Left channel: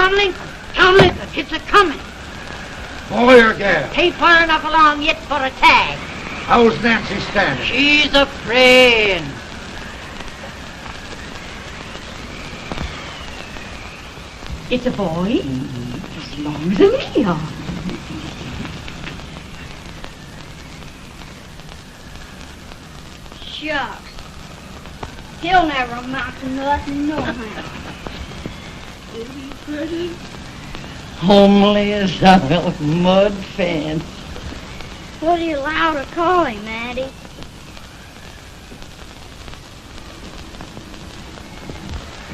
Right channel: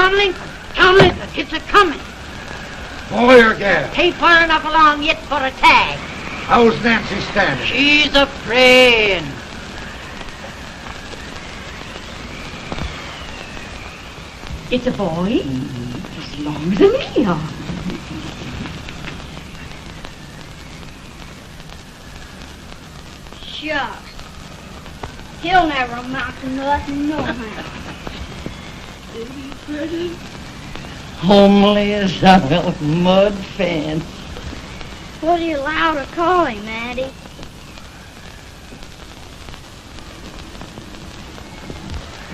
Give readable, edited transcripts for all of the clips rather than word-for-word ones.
coming? Coming. It's a-coming. Boy or gal? Ain't far enough along yet for a tag. How's Nancy standing? She's a-praying. It's a boy? As long as a meal. Shucks. He'll never amount to nothing, no how. Homely as a mud fence. What are you allowed to call him, Addie?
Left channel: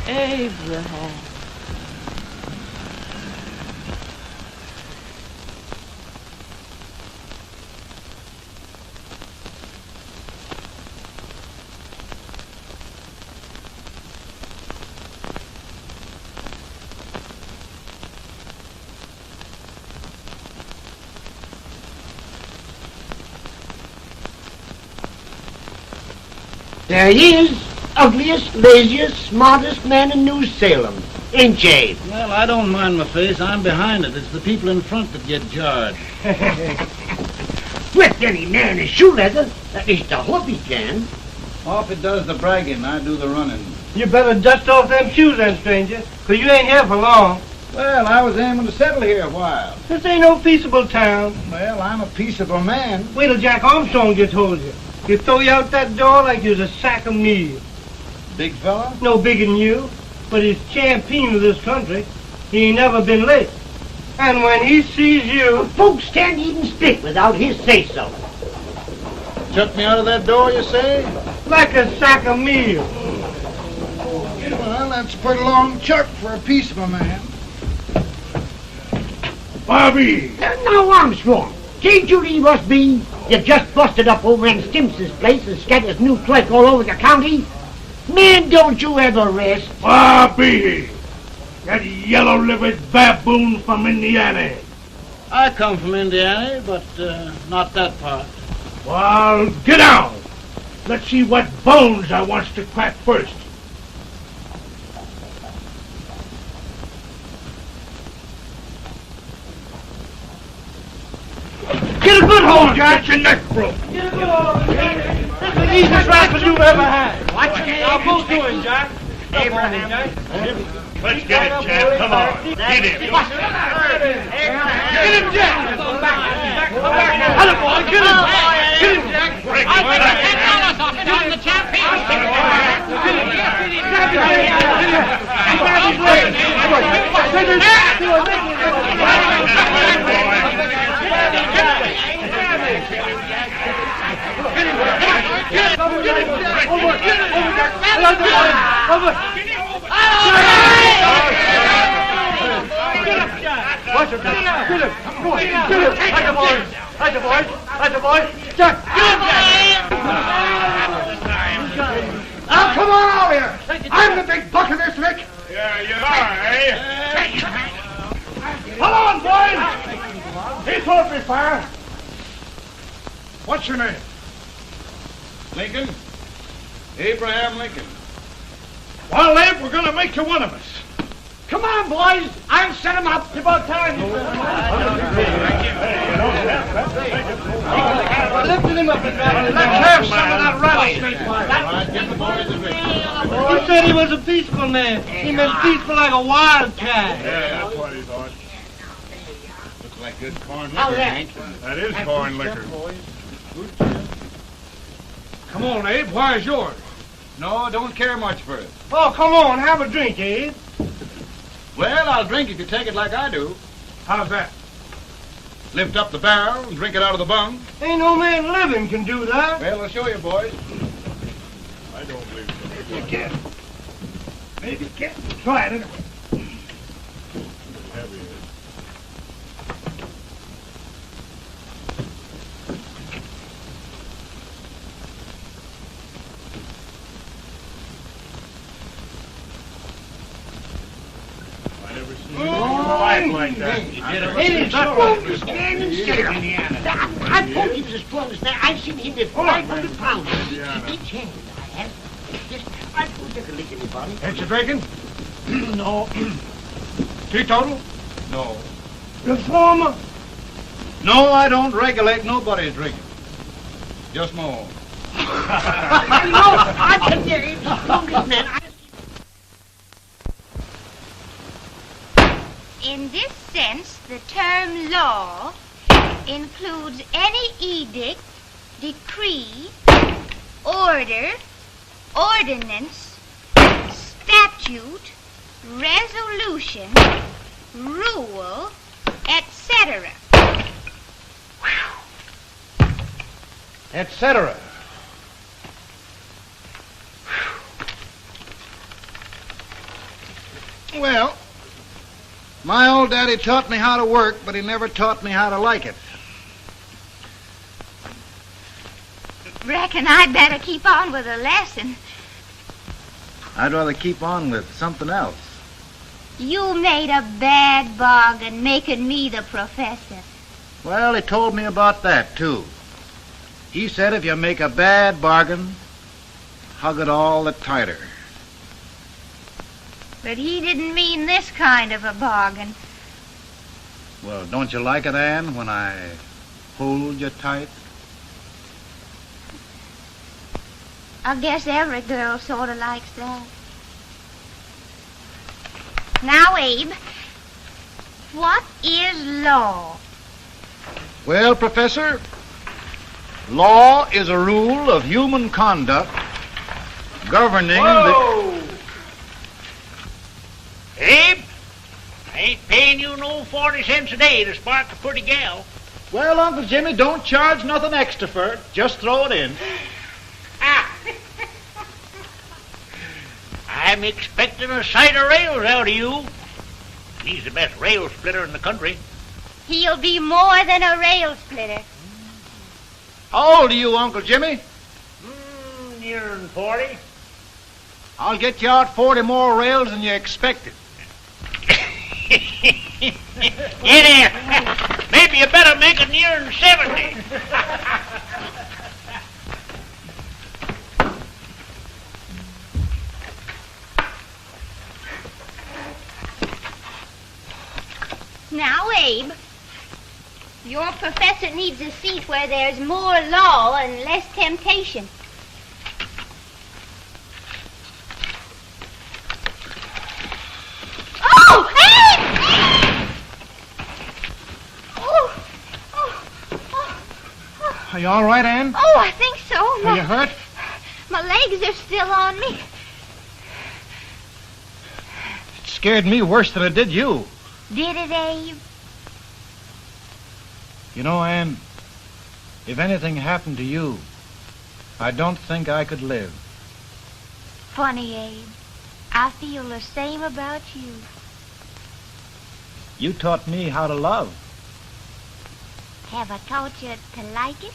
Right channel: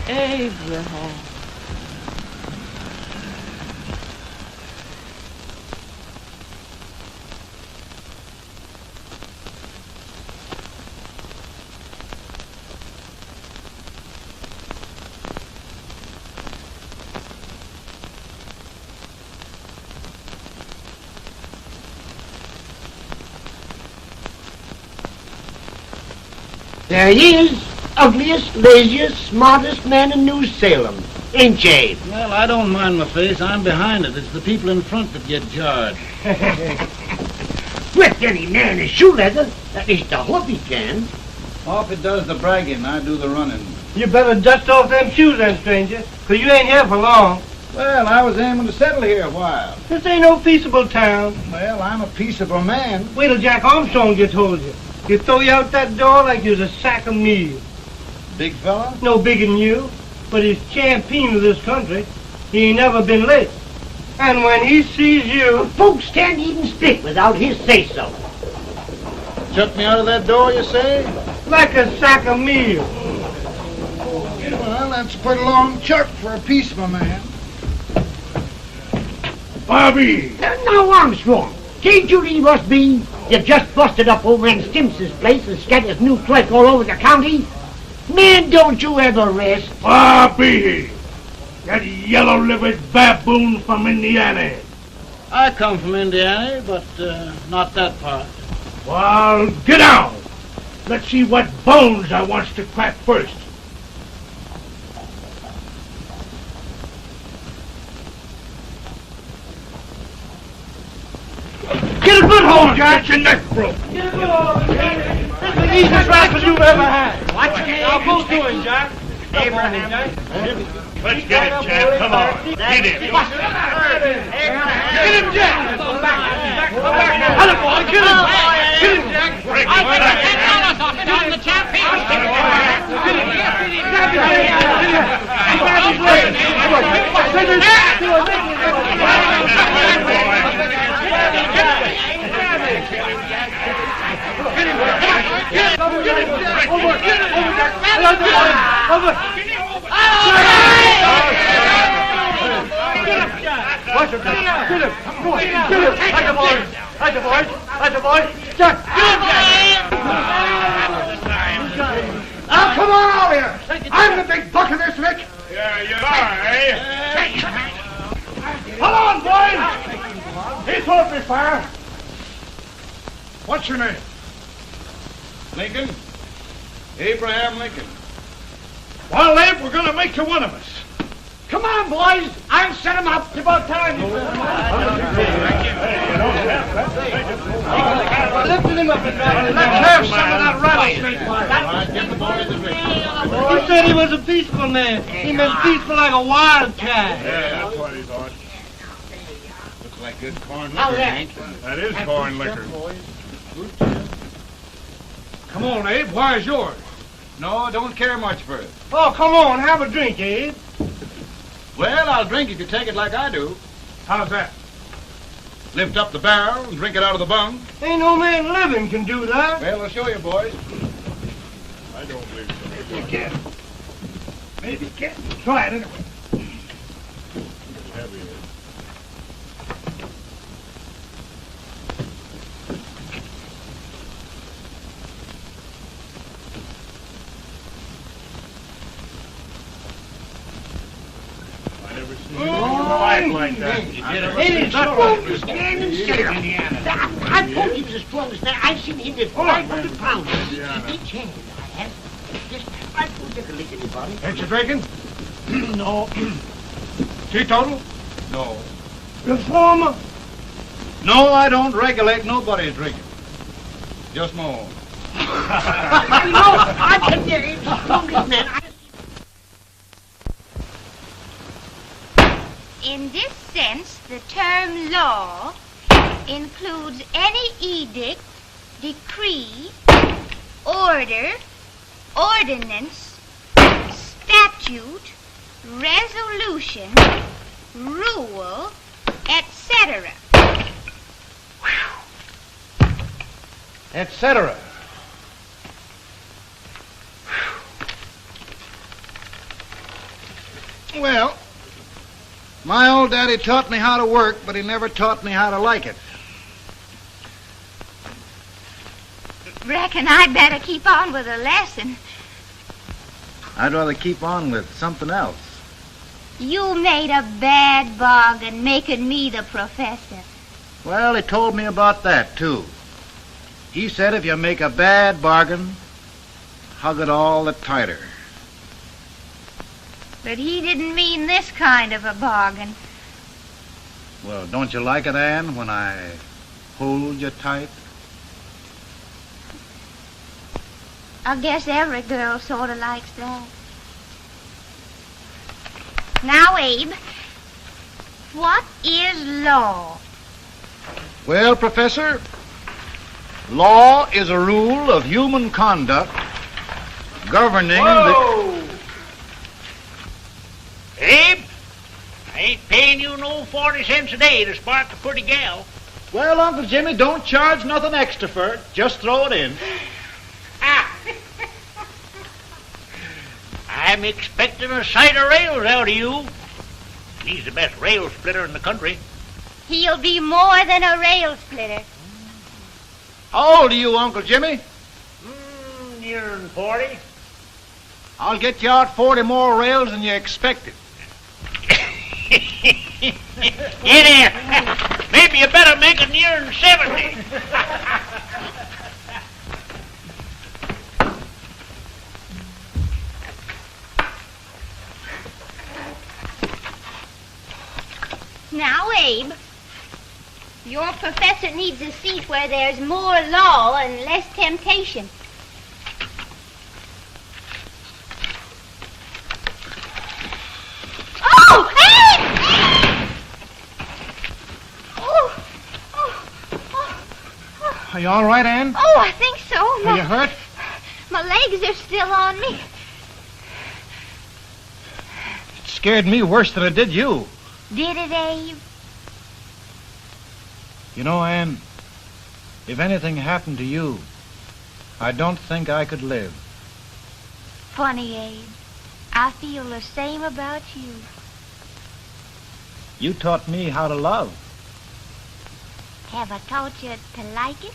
Abraham. There he is, ugliest, laziest, smartest man in New Salem, ain't ye? Well, I don't mind my face. I'm behind it. It's the people in front that get jarred. With any man is shoe leather, at least I hope he can. Off it does the bragging, I do the running. You better dust off them shoes then, stranger, 'cause you ain't here for long. Well, I was aiming to settle here a while. This ain't no peaceable town. Well, I'm a peaceable man. Wait till Jack Armstrong gets hold of you. He'll throw you out that door like you was a sack of meal. Big fella? No bigger than you, but he's champion of this country. He ain't never been late. And when he sees you... Folks can't even speak without his say-so. Took me out of that door, you say? like a sack of meal. Well, that's a pretty long chirp for a peaceful man. Bobby! Now, Armstrong, can't you leave us be? You've just busted up over in Stimps's place and scattered new clerk all over the county. Man, don't you ever rest. Bobby! That yellow-livered baboon from Indiana. I come from Indiana, but not that part. Well, get out! Let's see what bones I wants to crack first. Get a good hold, Jack. Get your neck broke. Get a good hold. That's the easiest rifle you've ever had. Watch it. Now, both doing, Jack. Hey, morning, Jack. Let's get it, Jack. Come on. Get it. Get him, Jack. Hello, boy. Get him. Get him, Jack. Now, come on over here. I'm the big buck of this lick. Yeah, you are, eh? Come on, boys. He's supposed to be fire. What's your name? Lincoln? Abraham Lincoln. Well, Abe, we're going to make you one of us. Come on, boys. I'll set him up. It's about time. Lifting him up and down. Let's have some of that rubbish. He said he was a peaceful man. He was peaceful like a wild cat. Yeah, that's what he thought. Looks like good corn How's liquor, that? Hank. That is corn liquor. Come on, Abe. Why is yours? No, don't care much for it. Oh, come on. Have a drink, Abe. Well, I'll drink if you take it like I do. How's that? Lift up the barrel and drink it out of the bung. Ain't no man living can do that. Well, I'll show you, boys. I don't believe it. Maybe you can. Maybe you can. Try it anyway. Life like that. I told you this for understand. I've seen him at 500 pounds. Each hand. I put the drink anybody. Ain't you drinking? No. Teetotal? No. Reformer? No, I don't regulate nobody's drinking. Just my own. I can hear it. Man, In this sense, the term law includes any edict, decree, order, ordinance, statute, resolution, rule, etc. Etc. Well, my old daddy taught me how to work, but he never taught me how to like it. Reckon I'd better keep on with the lesson. I'd rather keep on with something else. You made a bad bargain making me the professor. Well, he told me about that, too. He said if you make a bad bargain, hug it all the tighter. But he didn't mean this kind of a bargain. Well, don't you like it, Anne, when I hold you tight? I guess every girl sort of likes that. Now, Abe, what is law? Well, Professor, law is a rule of human conduct governing Whoa! Abe, I ain't paying you no 40 cents a day to spark a pretty gal. Well, Uncle Jimmy, don't charge nothing extra for it. Just throw it in. Ah. I'm expecting a sight of rails out of you. He's the best rail splitter in the country. He'll be more than a rail splitter. How old are you, Uncle Jimmy? Nearing 40. I'll get you out 40 more rails than you expected. Yeah, there. Maybe you better make it nearing 70. Now, Abe, your professor needs a seat where there's more law and less temptation. Oh, Abe! Are you all right, Anne? Oh, I think so. Are you hurt? My legs are still on me. It scared me worse than it did you. Did it, Abe? You know, Anne, if anything happened to you, I don't think I could live. Funny, Abe. I feel the same about you. You taught me how to love. Have I taught you to like it?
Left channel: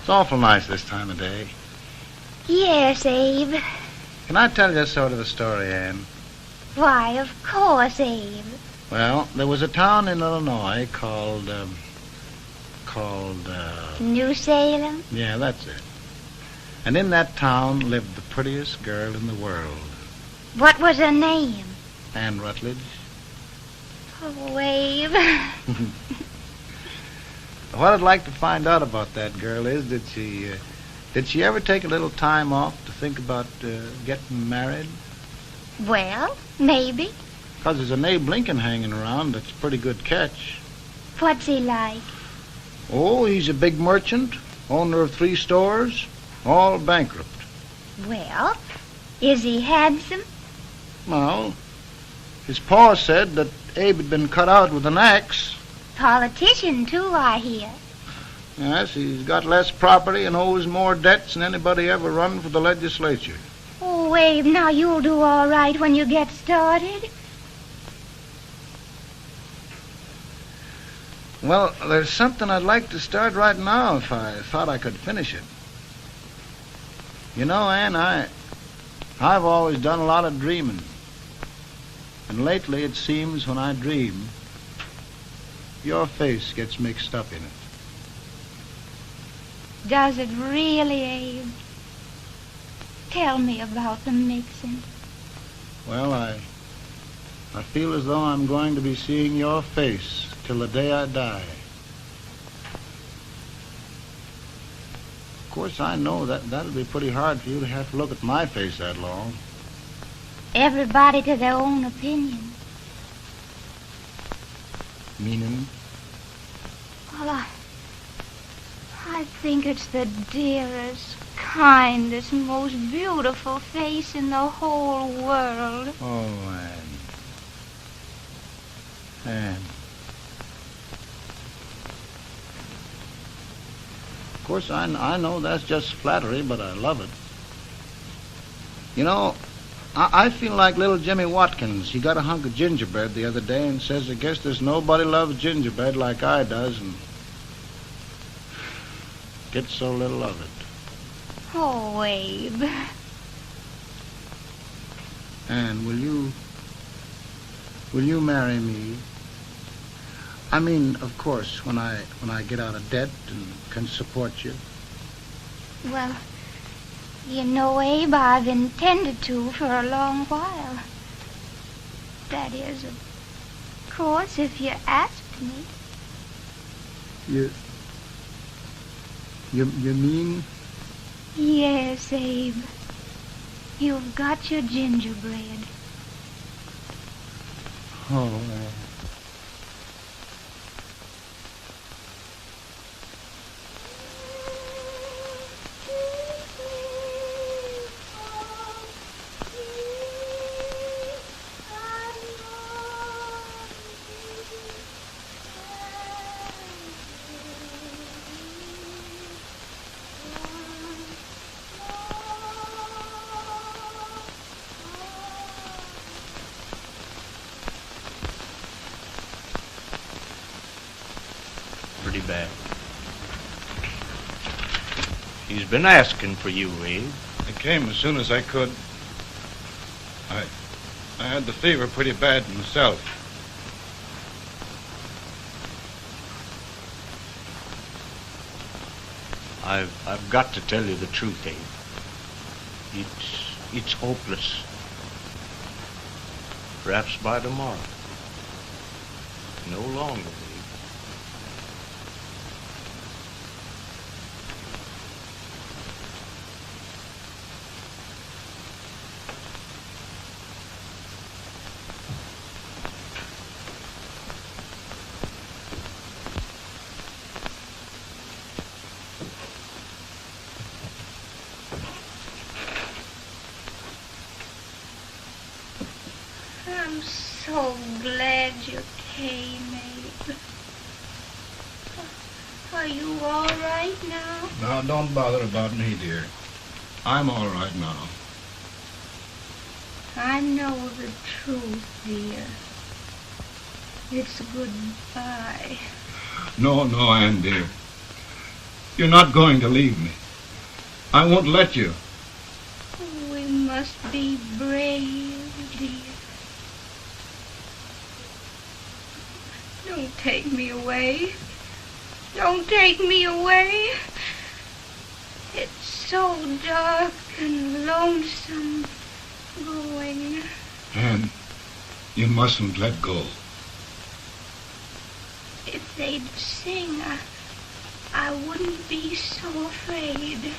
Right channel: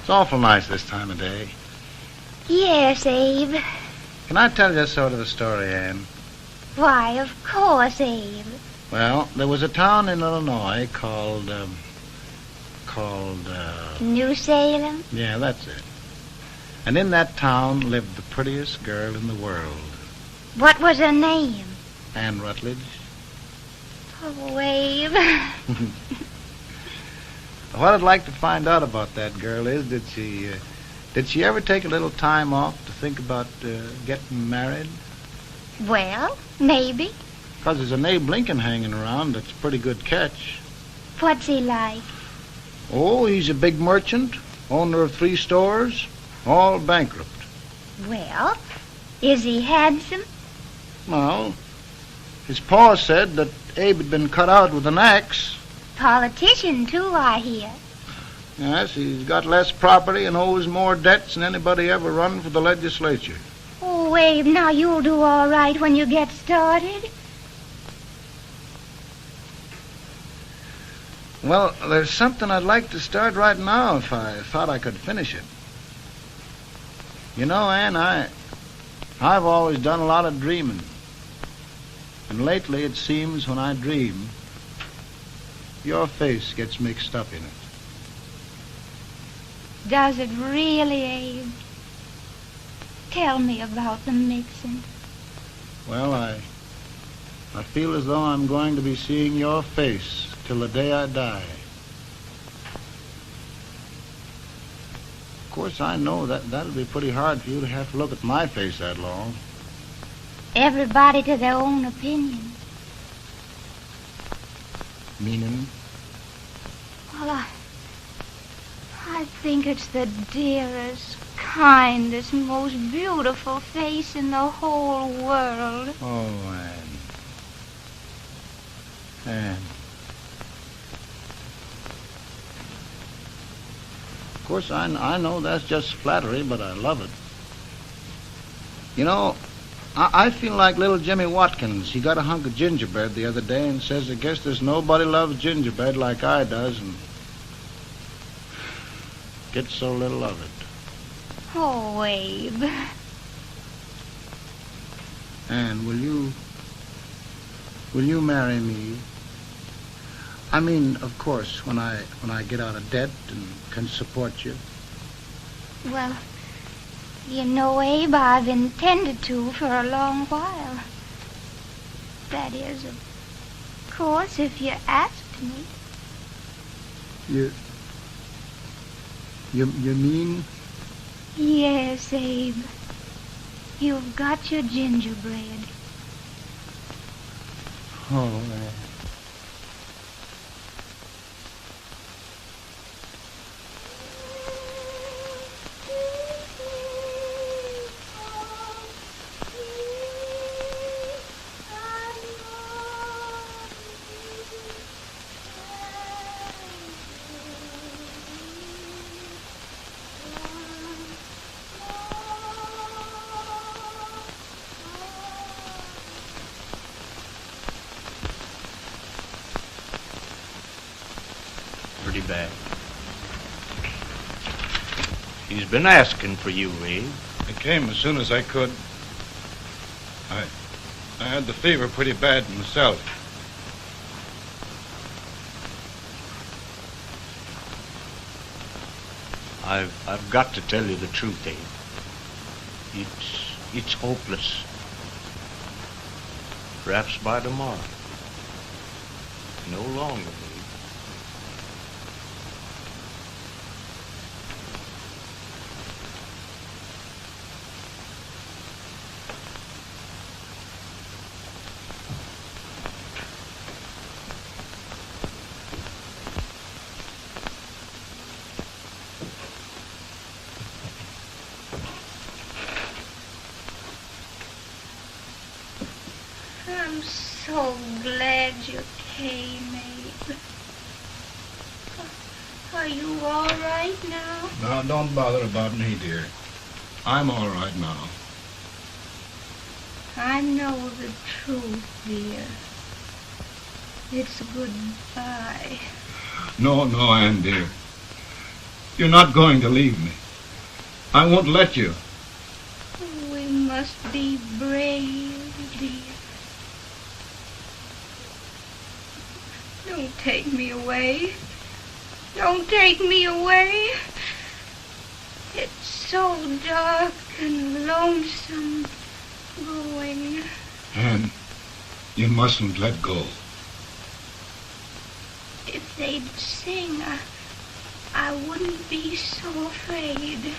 It's awful nice this time of day. Yes, Abe. Can I tell you sort of a story, Anne? Why, of course, Abe. Well, there was a town in Illinois called, New Salem? yeah, that's it. And in that town lived the prettiest girl in the world, What was her name? Anne Rutledge. Oh, Abe. What I'd like to find out about that girl is, did she ever take a little time off to think about getting married? Well, maybe. Because there's an Abe Lincoln hanging around that's a pretty good catch. What's he like? Oh, he's a big merchant, owner of 3 stores, all bankrupt. Well, is he handsome? Well, his pa said that Abe had been cut out with an axe. Politician, too, I hear. Yes, he's got less property and owes more debts than anybody ever run for the legislature. Oh, Abe, now you'll do all right when you get started. Well, there's something I'd like to start right now if I thought I could finish it. You know, Ann, I've always done a lot of dreaming. And lately it seems when I dream, your face gets mixed up in it. Does it really, Abe? Tell me about the mixing. Well, I feel as though I'm going to be seeing your face till the day I die. Of course, I know that'll be pretty hard for you to have to look at my face that long. Everybody to their own opinion. Meaning? Well, I think it's the dearest, kindest, most beautiful face in the whole world. Oh, Ann. Of course, I know that's just flattery, but I love it. You know, I feel like little Jimmy Watkins. He got a hunk of gingerbread the other day and says, I guess there's nobody loves gingerbread like I does, and gets so little of it. Oh, Abe. And will you marry me? I mean, of course, when I get out of debt and can support you. Well, you know, Abe, I've intended to for a long while. That is, of course, if you asked me. You mean? Yes, Abe. You've got your gingerbread. Oh, pretty bad. He's been asking for you, Abe. I came as soon as I could. I had the fever pretty bad myself. I've got to tell you the truth, Abe. It's hopeless. Perhaps by tomorrow. No longer, Abe. I'm so glad you came, Abe. Are you all right now? Now, don't bother about me, dear. I'm all right now. I know the truth, dear. It's goodbye. No, Ann, dear. You're not going to leave me. I won't let you. We must be brave, dear. Don't take me away. Don't take me away. It's so dark and lonesome going. Ann, you mustn't let go. If they'd sing, I wouldn't be so afraid.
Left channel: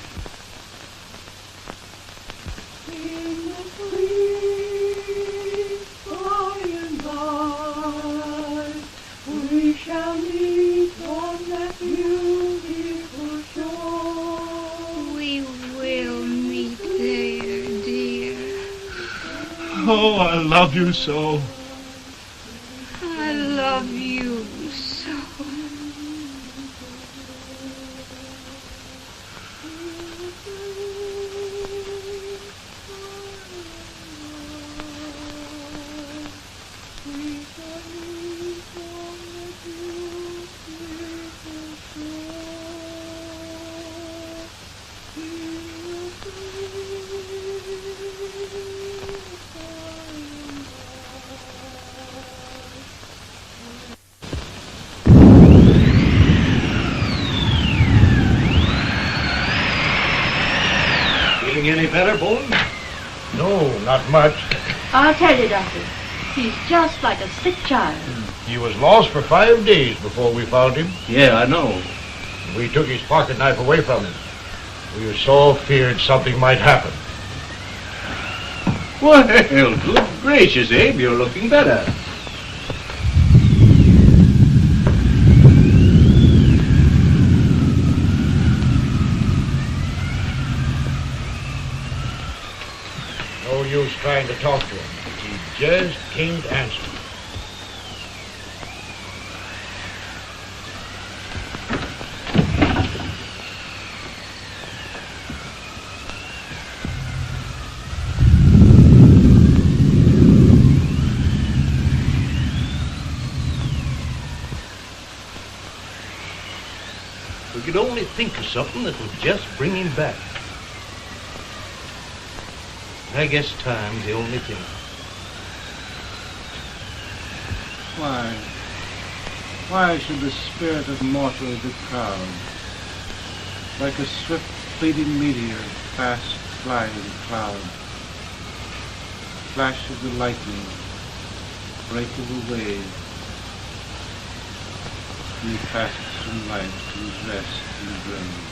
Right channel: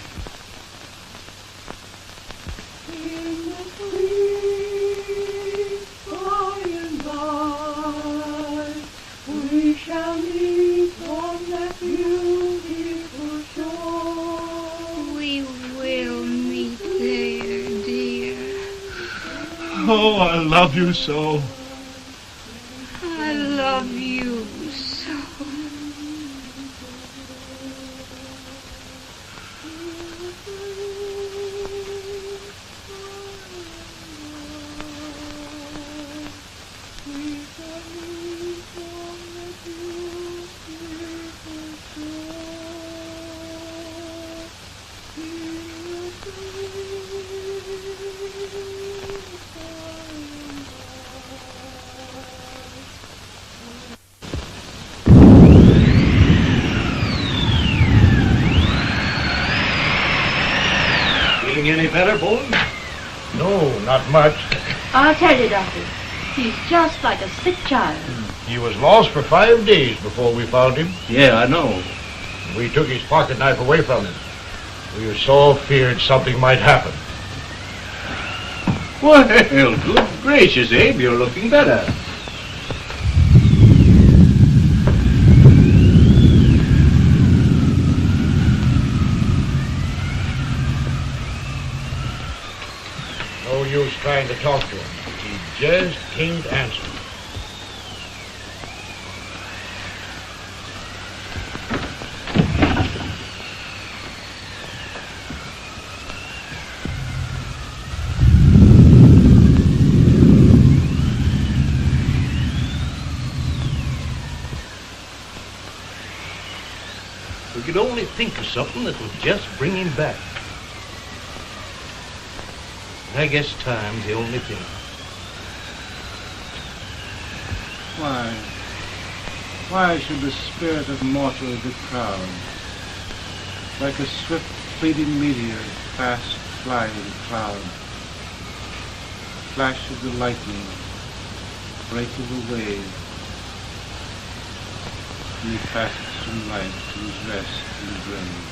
We shall meet on that beautiful shore. We will meet there, dear. Oh, I love you so. I love you so. better, boy? No, not much. I'll tell you, Doctor, he's just like a sick child. He was lost for 5 days before we found him. Yeah, I know. We took his pocket knife away from him. We were so feared something might happen. Well, good gracious, Abe, you're looking better. No use trying to talk to him. He just can't answer. We could only think of something that would just bring him back. I guess time's the only thing. Why should the spirit of mortal be proud? Like a swift fleeting meteor, fast flying cloud. Flash of the lightning, break of the wave. And he passes from life to his rest in the grave.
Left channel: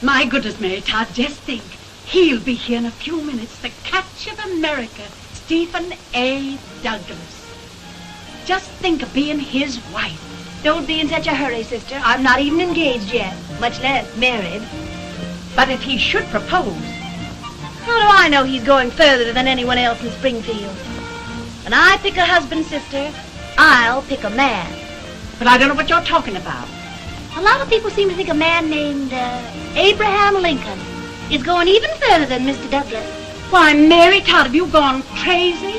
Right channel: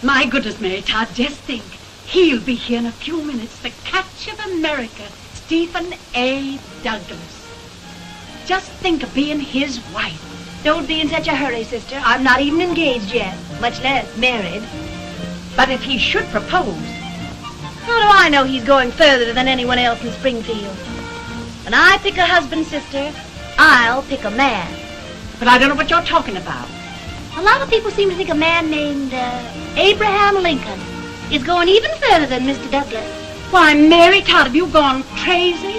My goodness, Mary Todd, just think. He'll be here in a few minutes. The Catch of America, Stephen A. Douglas. Just think of being his wife. Don't be in such a hurry, sister. I'm not even engaged yet, much less married. But if he should propose... How do I know he's going further than anyone else in Springfield? When I pick a husband, sister, I'll pick a man. But I don't know what you're talking about. A lot of people seem to think a man named Abraham Lincoln is going even further than Mr. Douglas. Why, Mary Todd, have you gone crazy?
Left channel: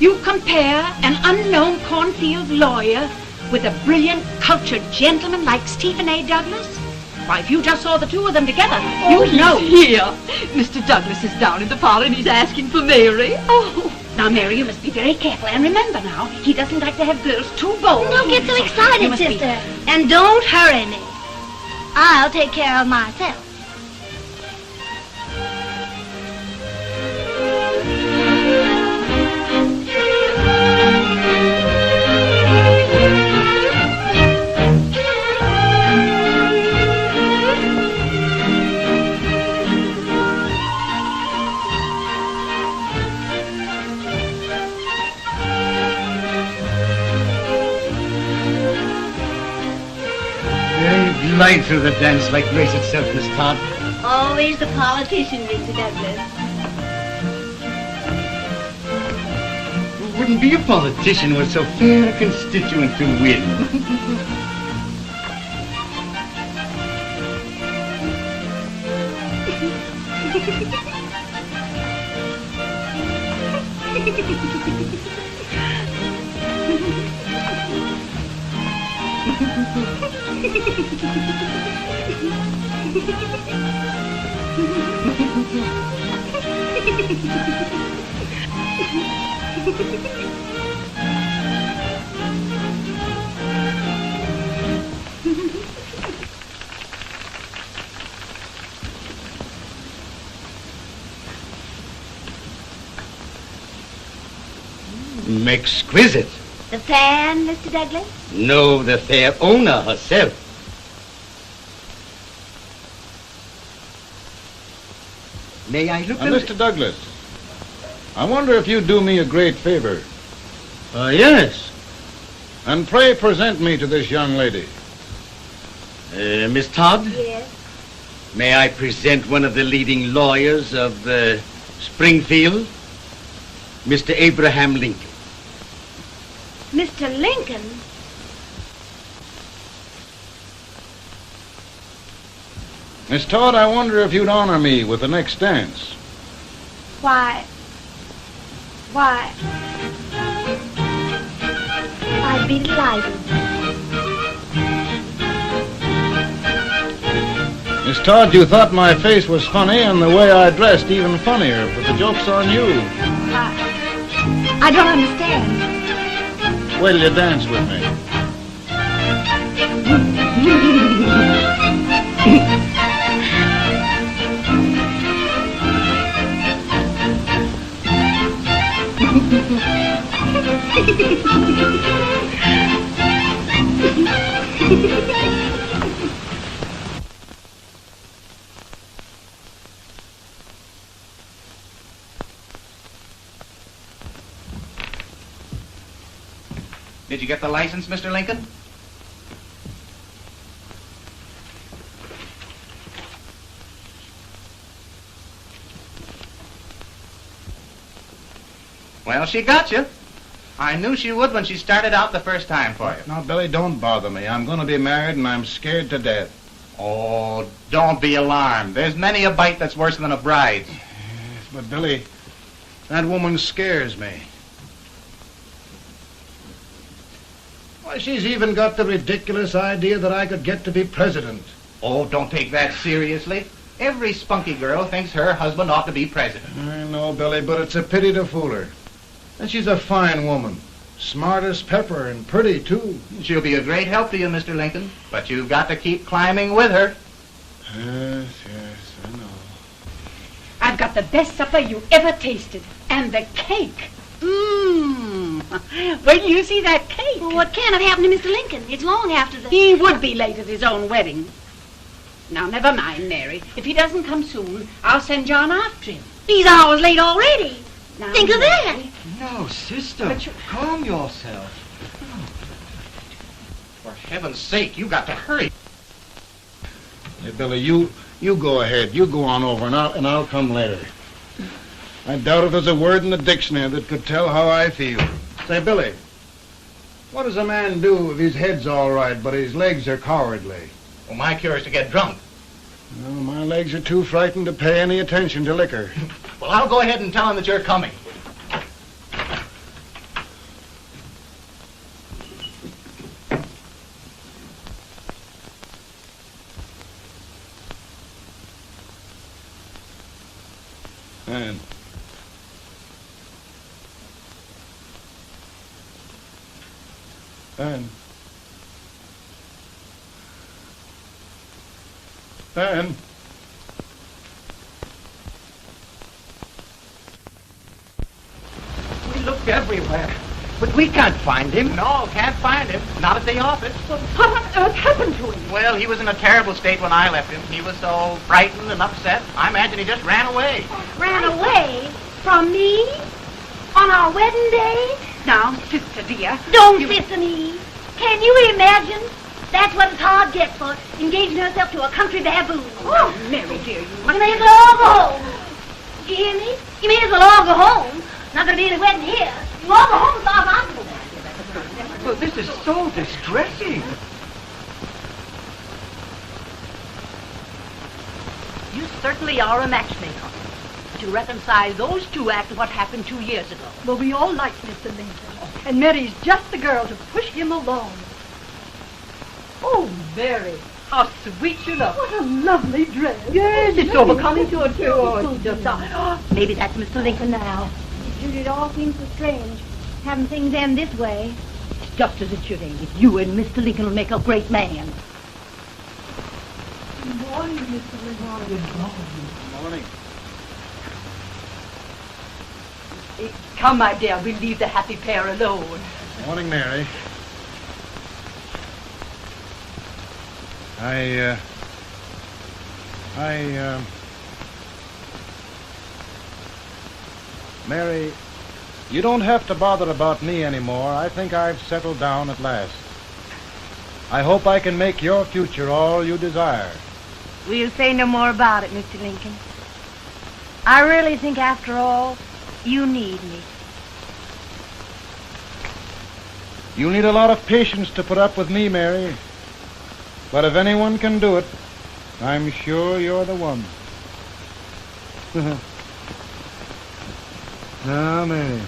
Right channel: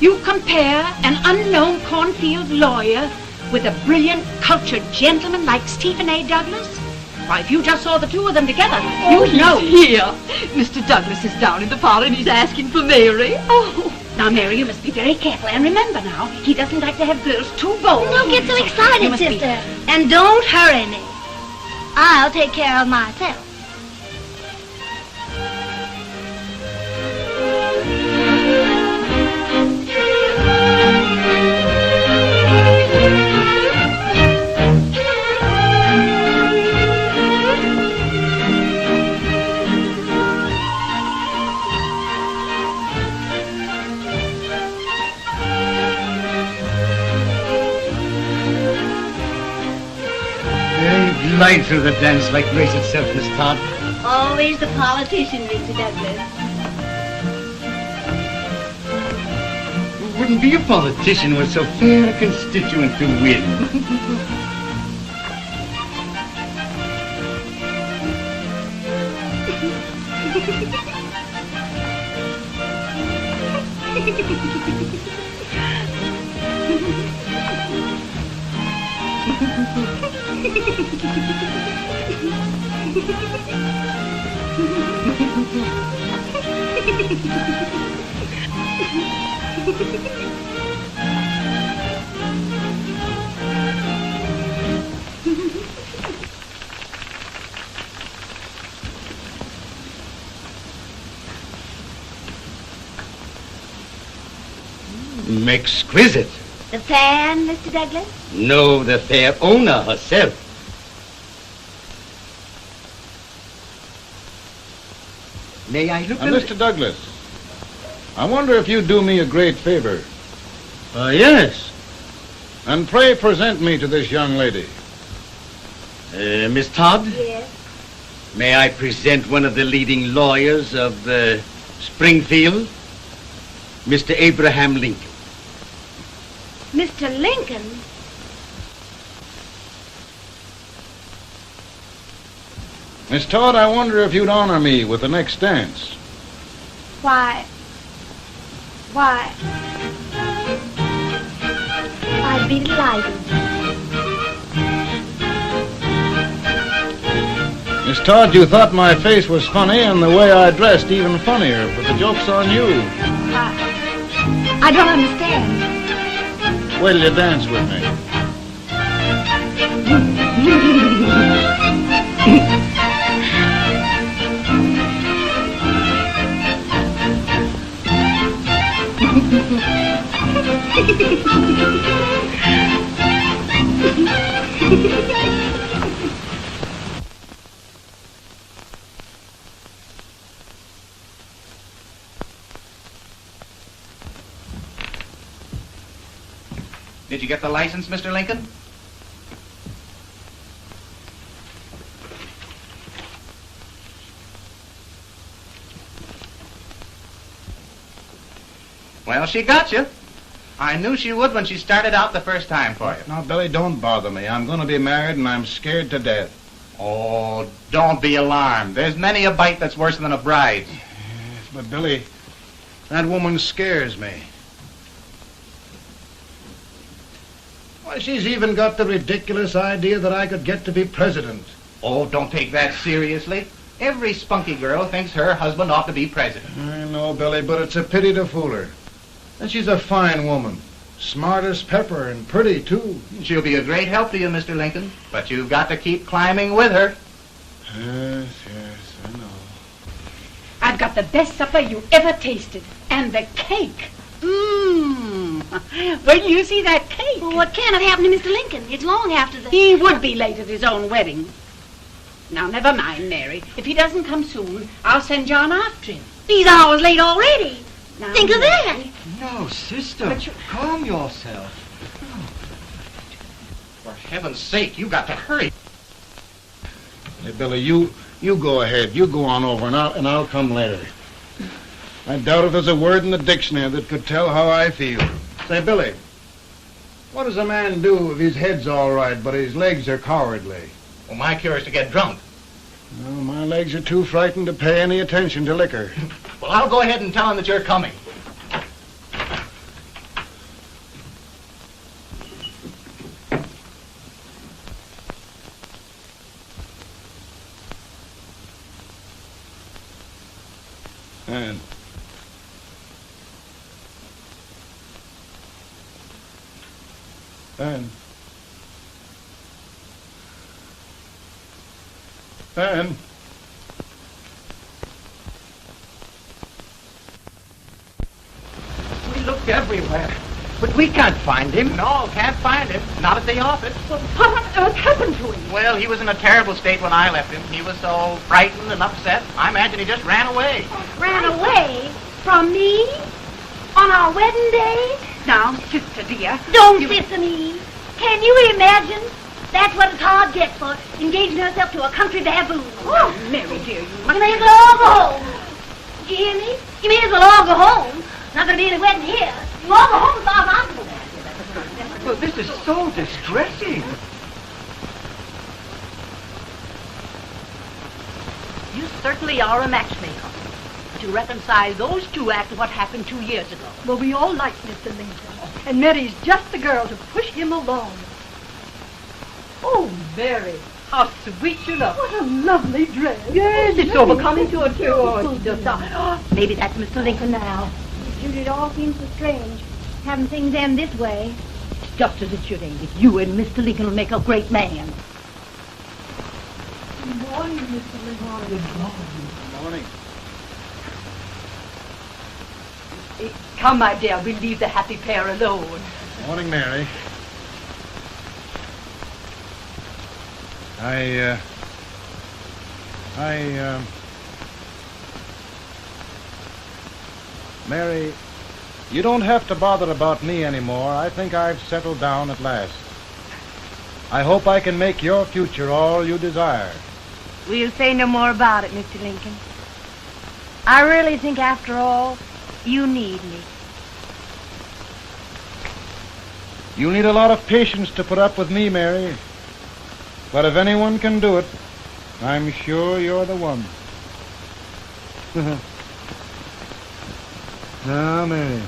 You compare an unknown cornfield lawyer with a brilliant, cultured gentleman like Stephen A. Douglas? Why, if you just saw the two of them together, you'd know. Here. Mr. Douglas is down in the parlor and he's asking for Mary. Oh. Now, Mary, you must be very careful. And remember now, he doesn't like to have girls too bold. Don't get so excited, sister. And don't hurry me. I'll take care of myself. Glide through the dance like grace itself, Miss Todd. Always the politician, Mr. Douglas. We wouldn't be a politician with so fair a constituent to win. Exquisite. The fan, Mr. Douglas? No, the fair owner herself. May I look at it? Mr. Douglas, I wonder if you'd do me a great favor. Yes. And pray present me to this young lady. Miss Todd? Yes. May I present one of the leading lawyers of Springfield, Mr. Abraham Lincoln. Mr. Lincoln? Miss Todd, I wonder if you'd honor me with the next dance. Why? I'd be delighted. Miss Todd, you thought my face was funny and the way I dressed even funnier, but the joke's on you. I don't understand. Will you dance with me? Did you get the license, Mr. Lincoln? Well, she got you. I knew she would when she started out the first time for you. Now, Billy, don't bother me. I'm going to be married and I'm scared to death. Oh, don't be alarmed. There's many a bite that's worse than a bride. But, Billy, that woman scares me. Why, she's even got the ridiculous idea that I could get to be president. Oh, don't take that seriously. Every spunky girl thinks her husband ought to be president. I know, Billy, but it's a pity to fool her. And she's a fine woman. Smart as pepper and pretty, too. She'll be a great help to you, Mr. Lincoln. But you've got to keep climbing with her. Yes, I know. I've got the best supper you ever tasted. And the cake. Mmm. Wait till you see that cake. Well, what can have happened to Mr. Lincoln? It's long after the... He would be late at his own wedding. Now, never mind, Mary. If he doesn't come soon, I'll send John after him. He's hours late already. Now, Think of that. No, sister. Calm yourself. For heaven's sake, you got to hurry. Hey, Billy, you go ahead. You go on over, and I'll come later. I doubt if there's a word in the dictionary that could tell how I feel. Say, Billy, what does a man do if his head's all right, but his legs are cowardly? Well, my cure is to get drunk. Well, my legs are too frightened to pay any attention to liquor. Well, I'll go ahead and tell him that you're coming. Anne. Anne. We looked everywhere, but we can't find him. No, can't find him. Not at the office. Well, what on earth happened to him? Well, he was in a terrible state when I left him. He was so frightened and upset. I imagine he just ran away. Ran away? From me? On our wedding day? Now, sister dear. Don't listen to me. Can you imagine? That's what his heart gets for engaging herself to a country baboon. Oh, Mary, dear, you may as well all go home. You hear me? You may as well all go home. Not going to be any wedding here. You all go home as far as I'm concerned. Well, this is so distressing. You certainly are a matchmaker. To reconcile those two after what happened 2 years ago. Well, we all like Mr. Lincoln. And Mary's just the girl to push him along. Oh, Mary, how sweet you look. What a lovely dress. Yes, it's overcoming to it, too. Oh, it's just maybe that's Mr. Lincoln now. It all seems so strange, having things end this way. It's just as it should end. You and Mr. Lincoln will make a great man. Good morning, Mr. Lincoln. Good morning. Come, my dear, we'll leave the happy pair alone. Morning, Mary. Mary, you don't have to bother about me anymore. I think I've settled down at last. I hope I can make your future all you desire. We'll say no more about it, Mr. Lincoln. I really think, after all, you need me. You need a lot of patience to put up with me, Mary. But if anyone can do it, I'm sure you're the one. Amen.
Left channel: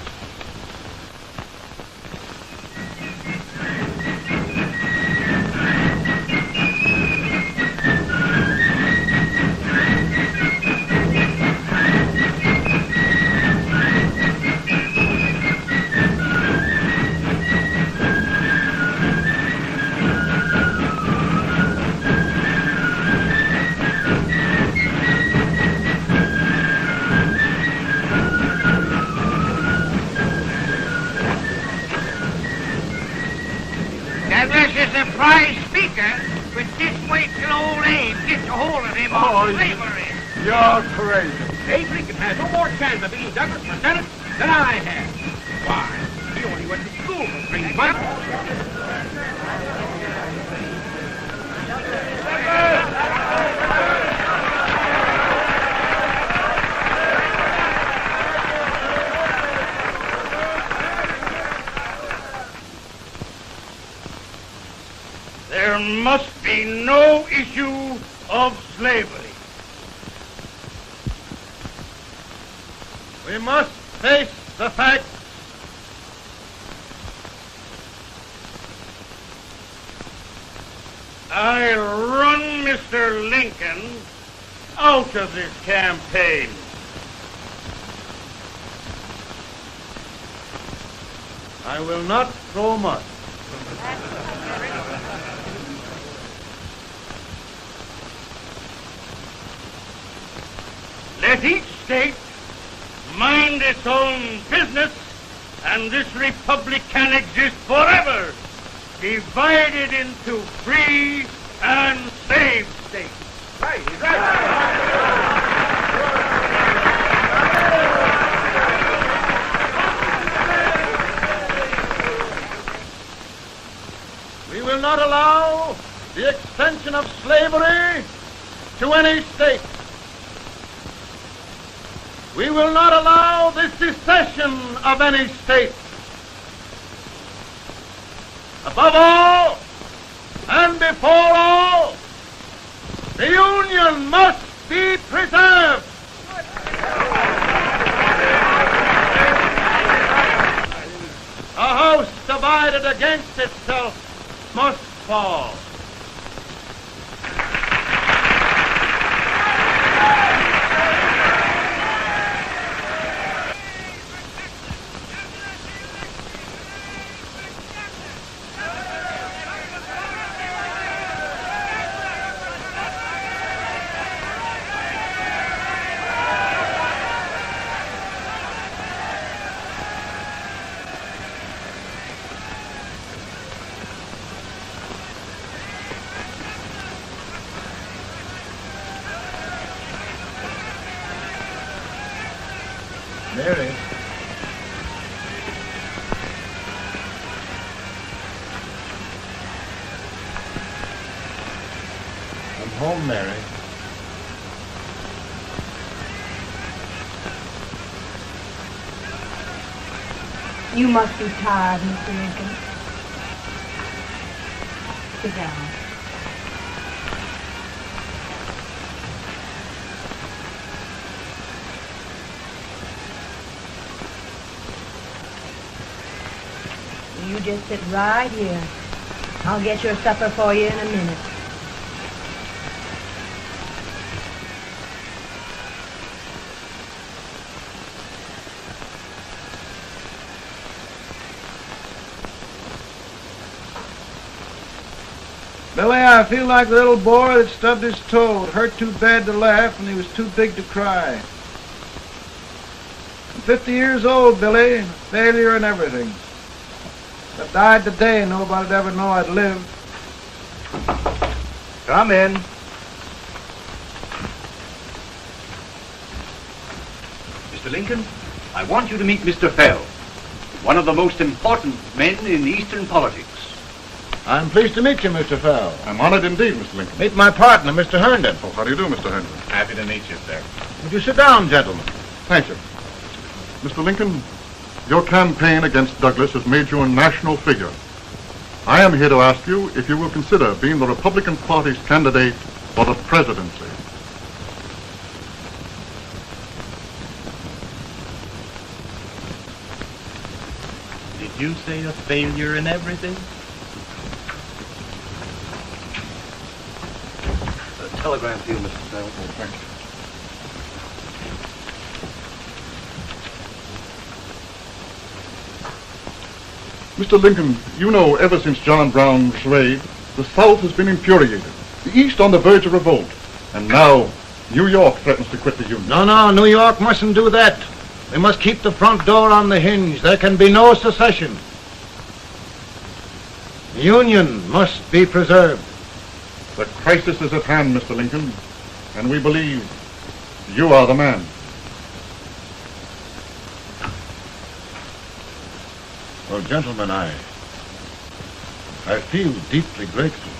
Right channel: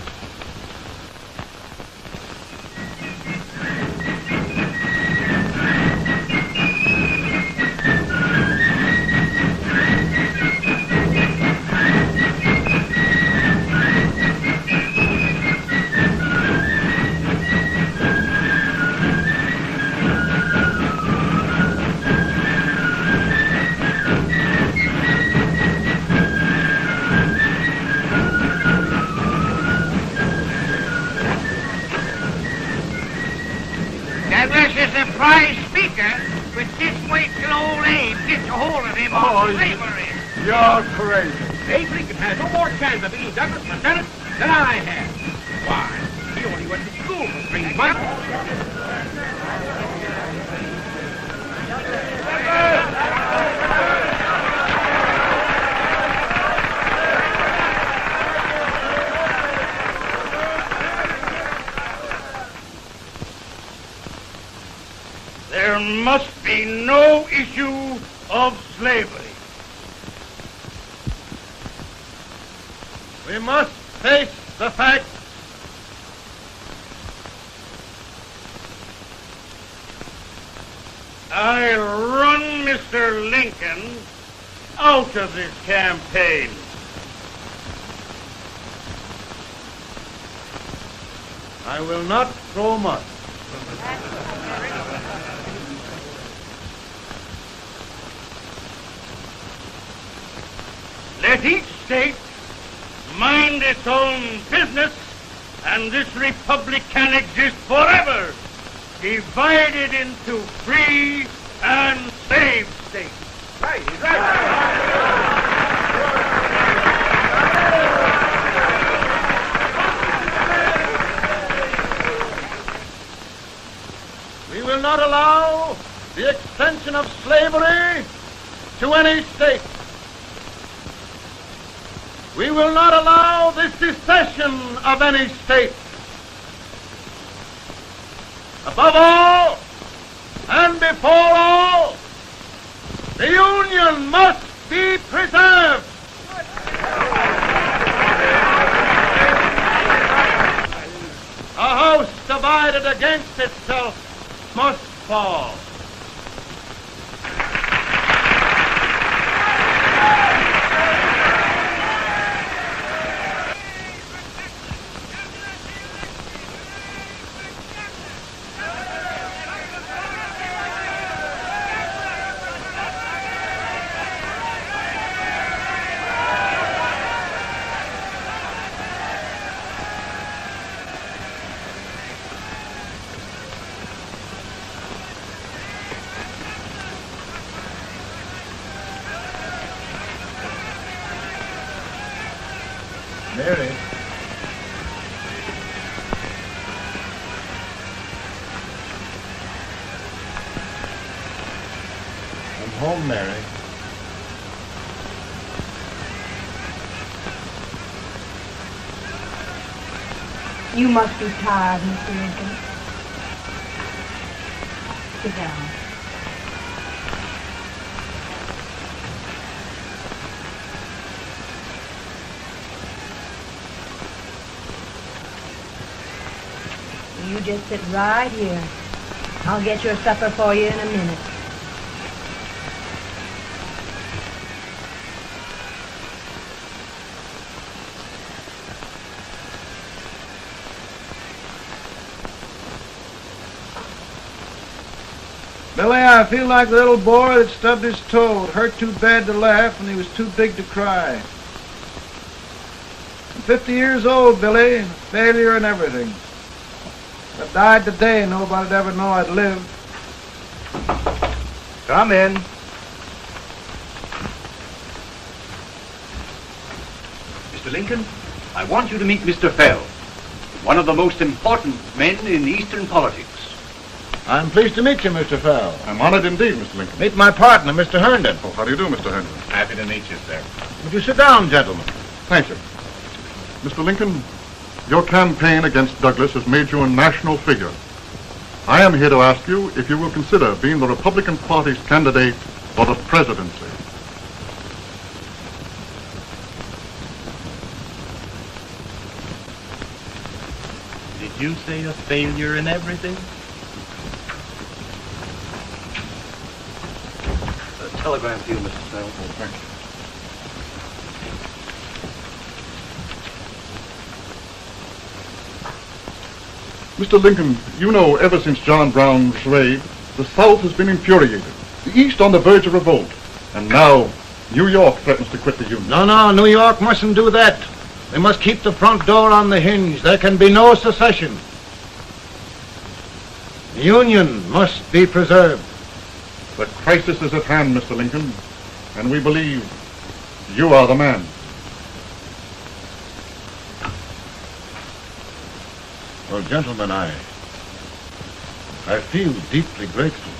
That was a surprise speaker, but just wait till old Abe gets a hold of him on slavery. You're crazy. Abe Lincoln has no more chance of being Douglas Lieutenant than I have. Why? He only went to school for 3 months. There must be no issue of slavery. We must face the fact I run Mr. Lincoln out of his campaign. I will not go much. Let each state mind its own business, and this republic can exist forever, divided into free and slave states. Right. We will not allow the extension of slavery to any state. We will not allow the secession of any state. Above all, and before all, the Union must be preserved. A house divided against itself must fall. Mary. I'm home, Mary. You must be tired, Mr. Lincoln. Sit down. You just sit right here. I'll get your supper for you in a minute. Billy, I feel like a little boy that stubbed his toe. It hurt too bad to laugh and he was too big to cry. I'm 50 years old, Billy. Failure and everything. If I died today, nobody'd ever know I'd lived. Come in. Mr. Lincoln, I want you to meet Mr. Fell, one of the most important men in Eastern politics. I'm pleased to meet you, Mr. Fell. I'm honored indeed, Mr. Lincoln. Meet my partner, Mr. Herndon. Oh, how do you do, Mr. Herndon? Happy to meet you, sir. Would you sit down, gentlemen? Thank you. Mr. Lincoln, your campaign against Douglas has made you a national figure. I am here to ask you if you will consider being the Republican Party's candidate for the presidency. Did you say a failure in everything? A telegram to you, Mr. Fell. Thank you. Mr. Lincoln, you know ever since John Brown was slaved, the South has been infuriated, the East on the verge of revolt, and now New York threatens to quit the Union. No, New York mustn't do that. They must keep the front door on the hinge. There can be no secession. The Union must be preserved. The crisis is at hand, Mr. Lincoln, and we believe you are the man. Well, gentlemen, I feel deeply grateful.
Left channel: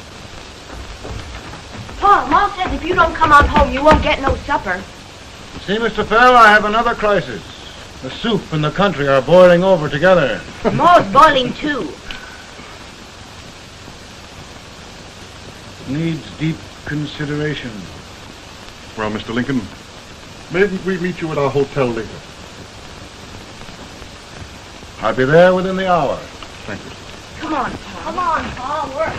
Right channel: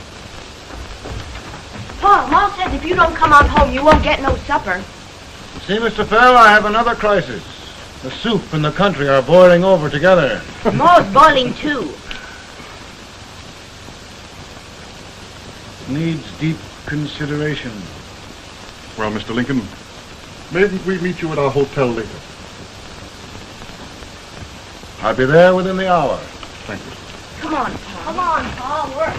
Pa, Ma says if you don't come on home, you won't get no supper. See, Mr. Fell, I have another crisis. The soup and the country are boiling over together. Ma's boiling too. Needs deep consideration. Well, Mr. Lincoln, maybe we meet you at our hotel later. I'll be there within the hour. Thank you. Come on, Pa. Come on, Pa. Work.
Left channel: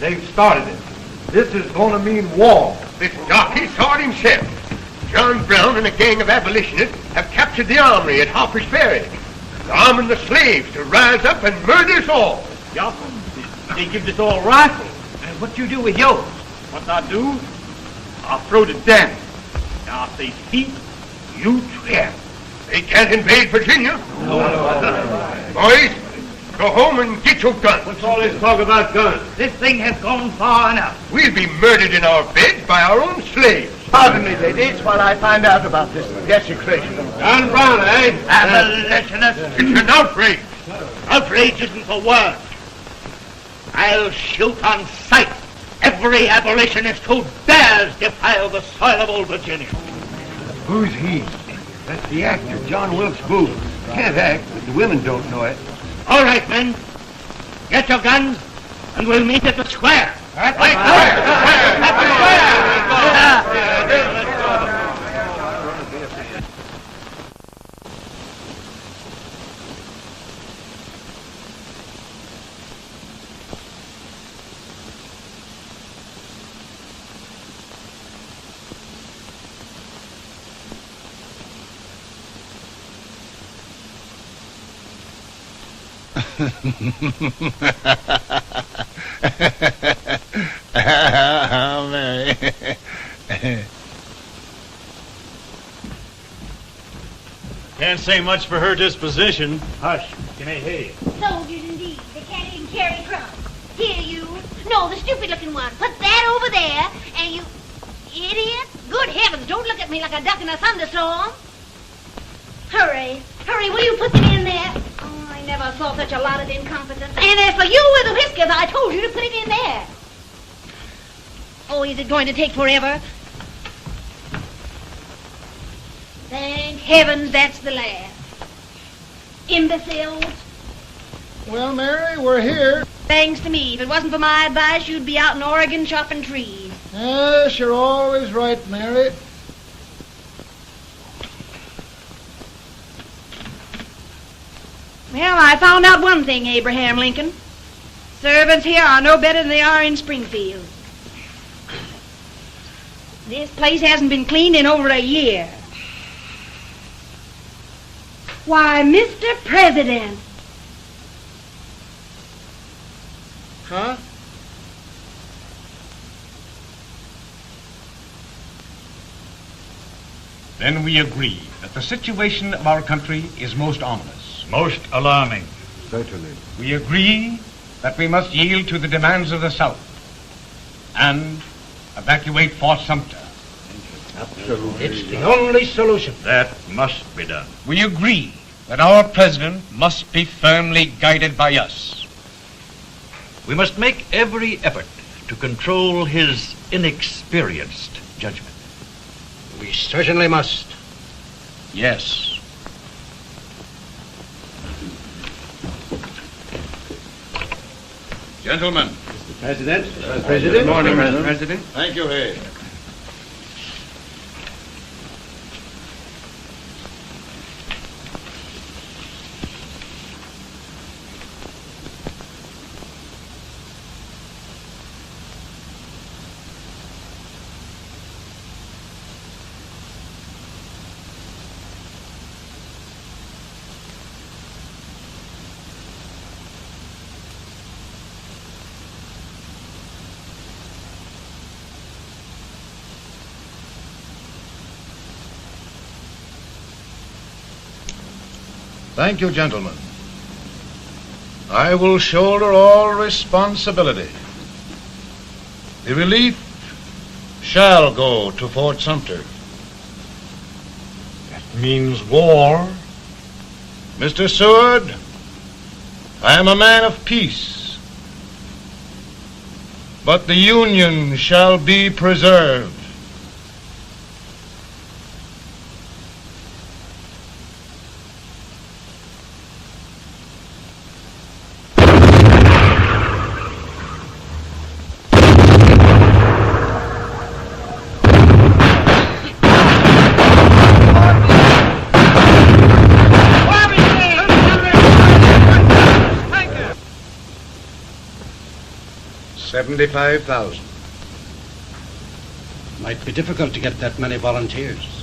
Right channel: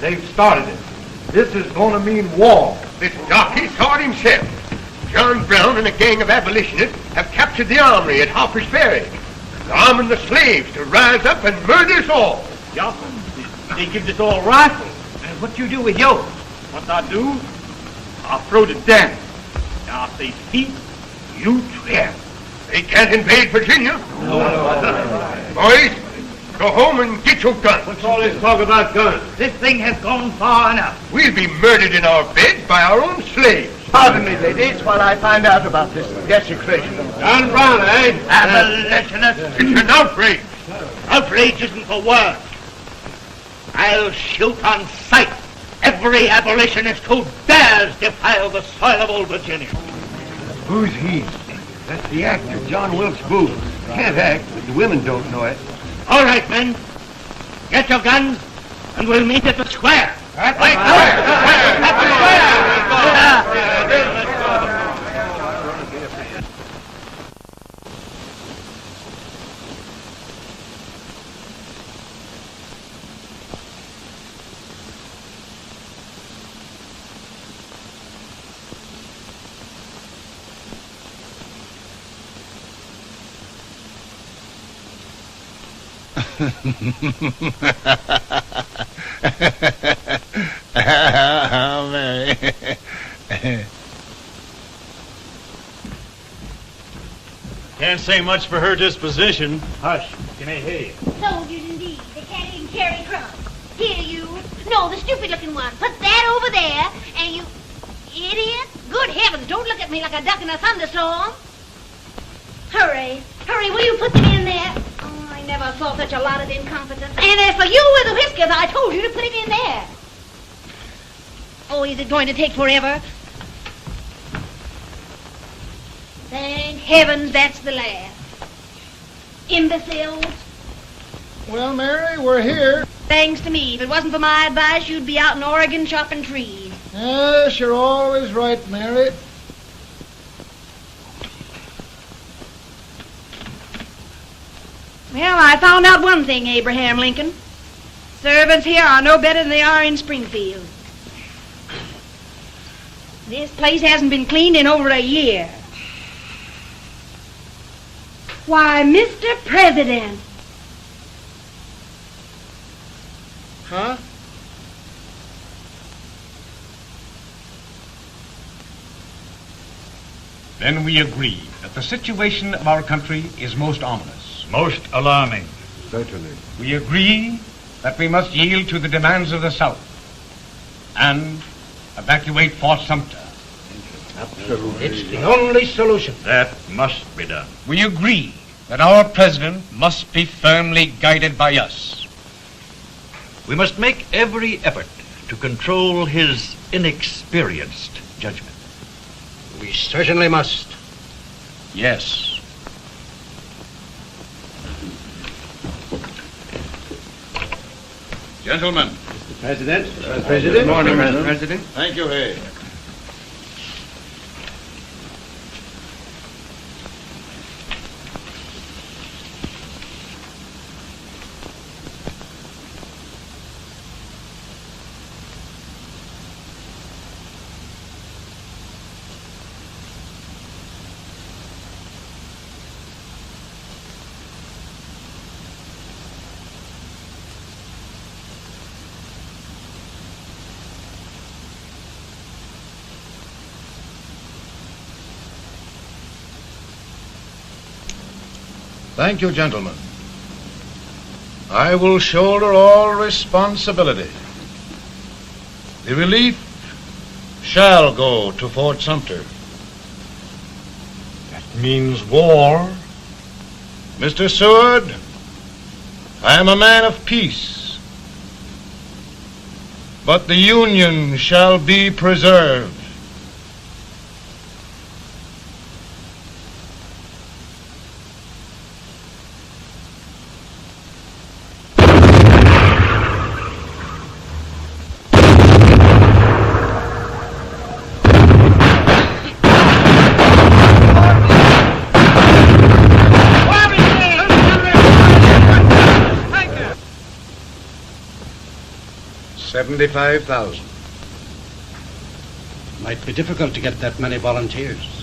They've started it. This is going to mean war. This jockey saw it himself. John Brown and a gang of abolitionists have captured the armory at Harper's Ferry. They're arming the slaves to rise up and murder us all. Yeah, they give us all rifles. And what you do with yours? What I do? I'll throw the damn. Now, if they speak, you swear. They can't invade Virginia. Boys, go home and get your guns. What's all this talk about guns? This thing has gone far enough. We'll be murdered in our beds by our own slaves. Pardon me, ladies, while I find out about this desecration. John Brown, eh? Abolitionists. It's an outrage. Outrage isn't the word. I'll shoot on sight every abolitionist who dares defile the soil of old Virginia. Who's he? That's the actor, John Wilkes Booth. Can't act, but the women don't know it. All right, men. Get your guns, and we'll meet at the square. At the square! Can't say much for her disposition. Hush, can I hear you? Soldiers indeed. They can't even carry crumbs. Here, you. No, the stupid-looking one. Put that over there, and you... Idiot. Good heavens, don't look at me like a duck in a thunderstorm. Hurry. Hurry, will you put them in there? Oh, I never saw such a lot of incompetence. And as for you with the whiskers, I told you to put it in there. Oh, is it going to take forever? Thank heavens that's the last. Imbeciles. Well, Mary, we're here. Thanks to me. If it wasn't for my advice, you'd be out in Oregon chopping trees. Yes, you're always right, Mary. Well, I found out one thing, Abraham Lincoln. Servants here are no better than they are in Springfield. This place hasn't been cleaned in over a year. Why, Mr. President. Huh? Then we agree that the situation of our country is most ominous. Most alarming. Certainly. We agree that we must yield to the demands of the South and evacuate Fort Sumter. It's the only solution. That must be done. We agree that our president must be firmly guided by us. We must make every effort to control his inexperienced judgment. We certainly must. Yes. Gentlemen. President. Good morning, Mr. President. Thank you, Hay. Thank you, gentlemen. I will shoulder all responsibility. The relief shall go to Fort Sumter. That means war. Mr. Seward, I am a man of peace, but the Union shall be preserved. $75,000. Might be difficult to get that many volunteers.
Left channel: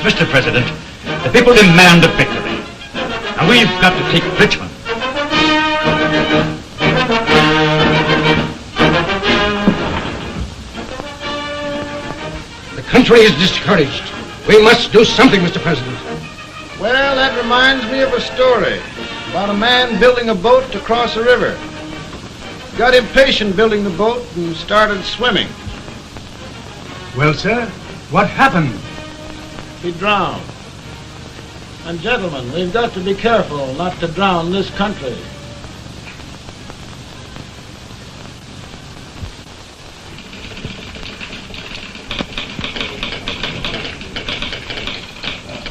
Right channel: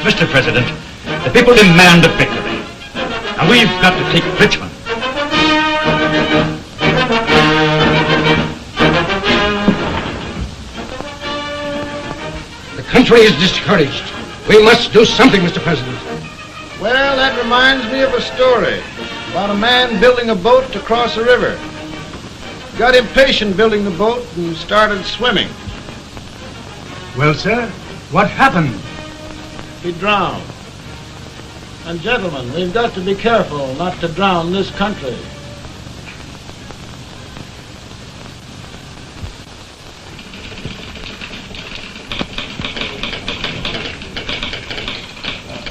Mr. President, the people demand a victory. And we've got to take Richmond. The country is discouraged. We must do something, Mr. President. Well, that reminds me of a story about a man building a boat to cross a river. Got impatient building the boat and started swimming. Well, sir, what happened? He drowned. And gentlemen, we've got to be careful not to drown this country.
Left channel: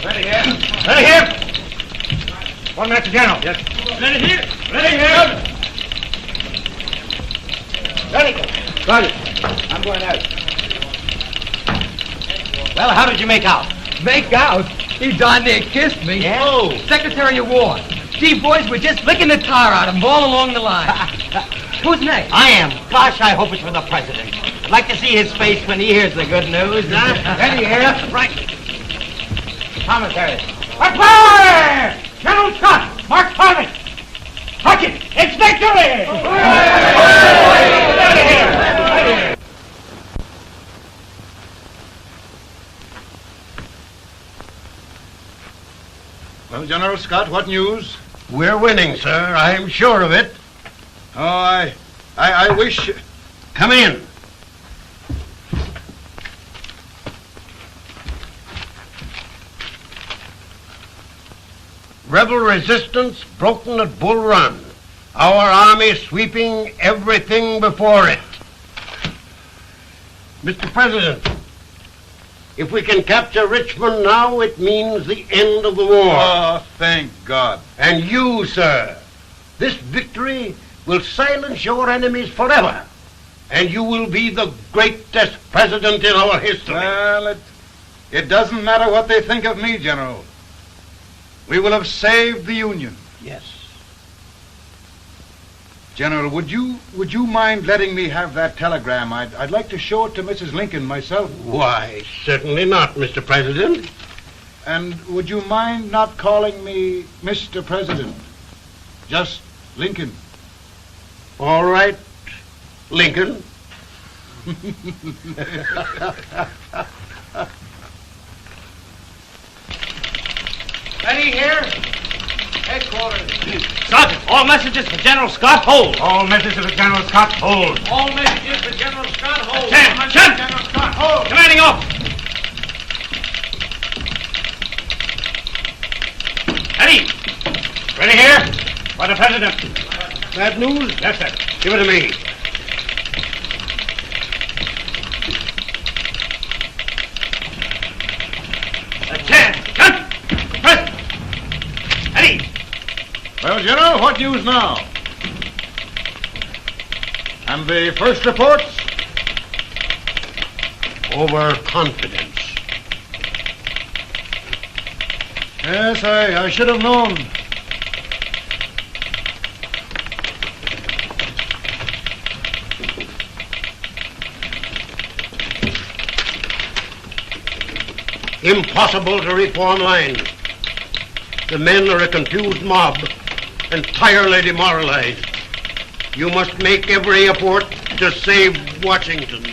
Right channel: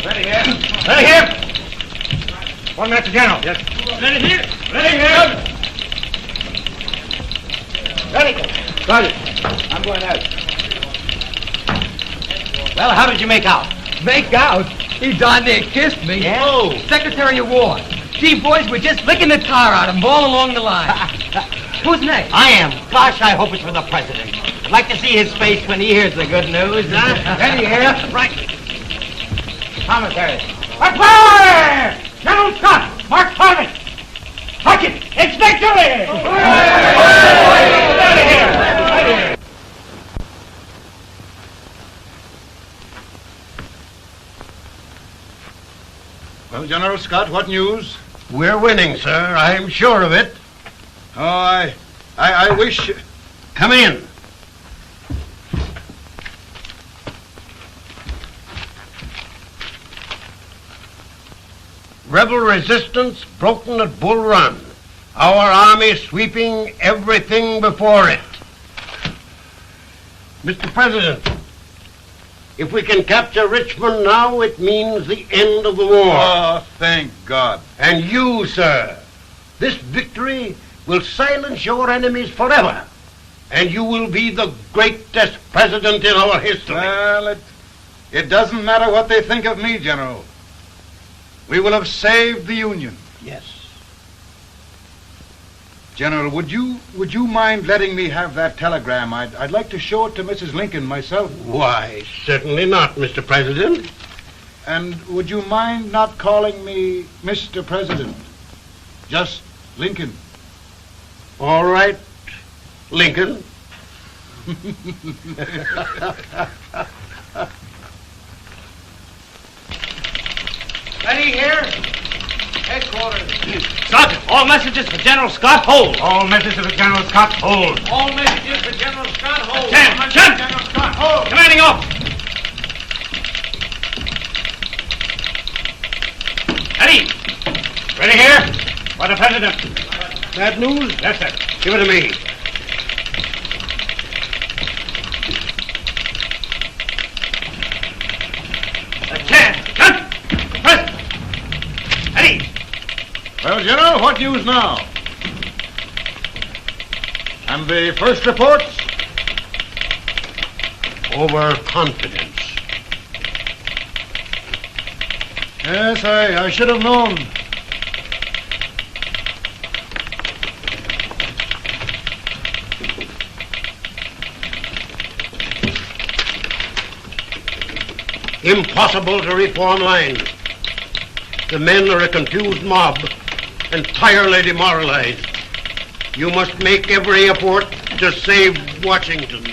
Ready here. Ready here. 1 minute to General. Yes. Ready here. Ready here. Ready. Ready. I'm going out. Well, how did you make out? Make out? He darn near kissed me. Yeah? Oh, Secretary of War. Gee, boys, we're just licking the tar out of him all along the line. Who's next? I am. Gosh, I hope it's for the president. I'd like to see his face when he hears the good news. Ready here. Right. Commissary. Fire! General Scott! Mark Thomas! Mark it! It's victory! Out of here! Well, General Scott, what news? We're winning, sir. I'm sure of it. Oh, I wish... Come in. Rebel resistance broken at Bull Run. Our army sweeping everything before it. Mr. President, if we can capture Richmond now, it means the end of the war. Oh, thank God. And you, sir, this victory will silence your enemies forever. And you will be the greatest president in our history. Well, it doesn't matter what they think of me, General. We will have saved the Union. Yes. General, would you mind letting me have that telegram? I'd like to show it to Mrs. Lincoln myself. Why, certainly not, Mr. President. And would you mind not calling me Mr. President? Just Lincoln. All right, Lincoln. Ready here. Headquarters. Sergeant, all messages for General Scott, hold. All messages for General Scott, hold. All messages for General Scott, hold. Stand. General Scott, hold. Turning off. Ready. Ready here. For the President. Bad news? Yes, sir. Give it to me. Well, General, what news now? And the first reports? Overconfidence. Yes, I should have known. Impossible to reform lines. The men are a confused mob, entirely demoralized. You must make every effort to save Washington.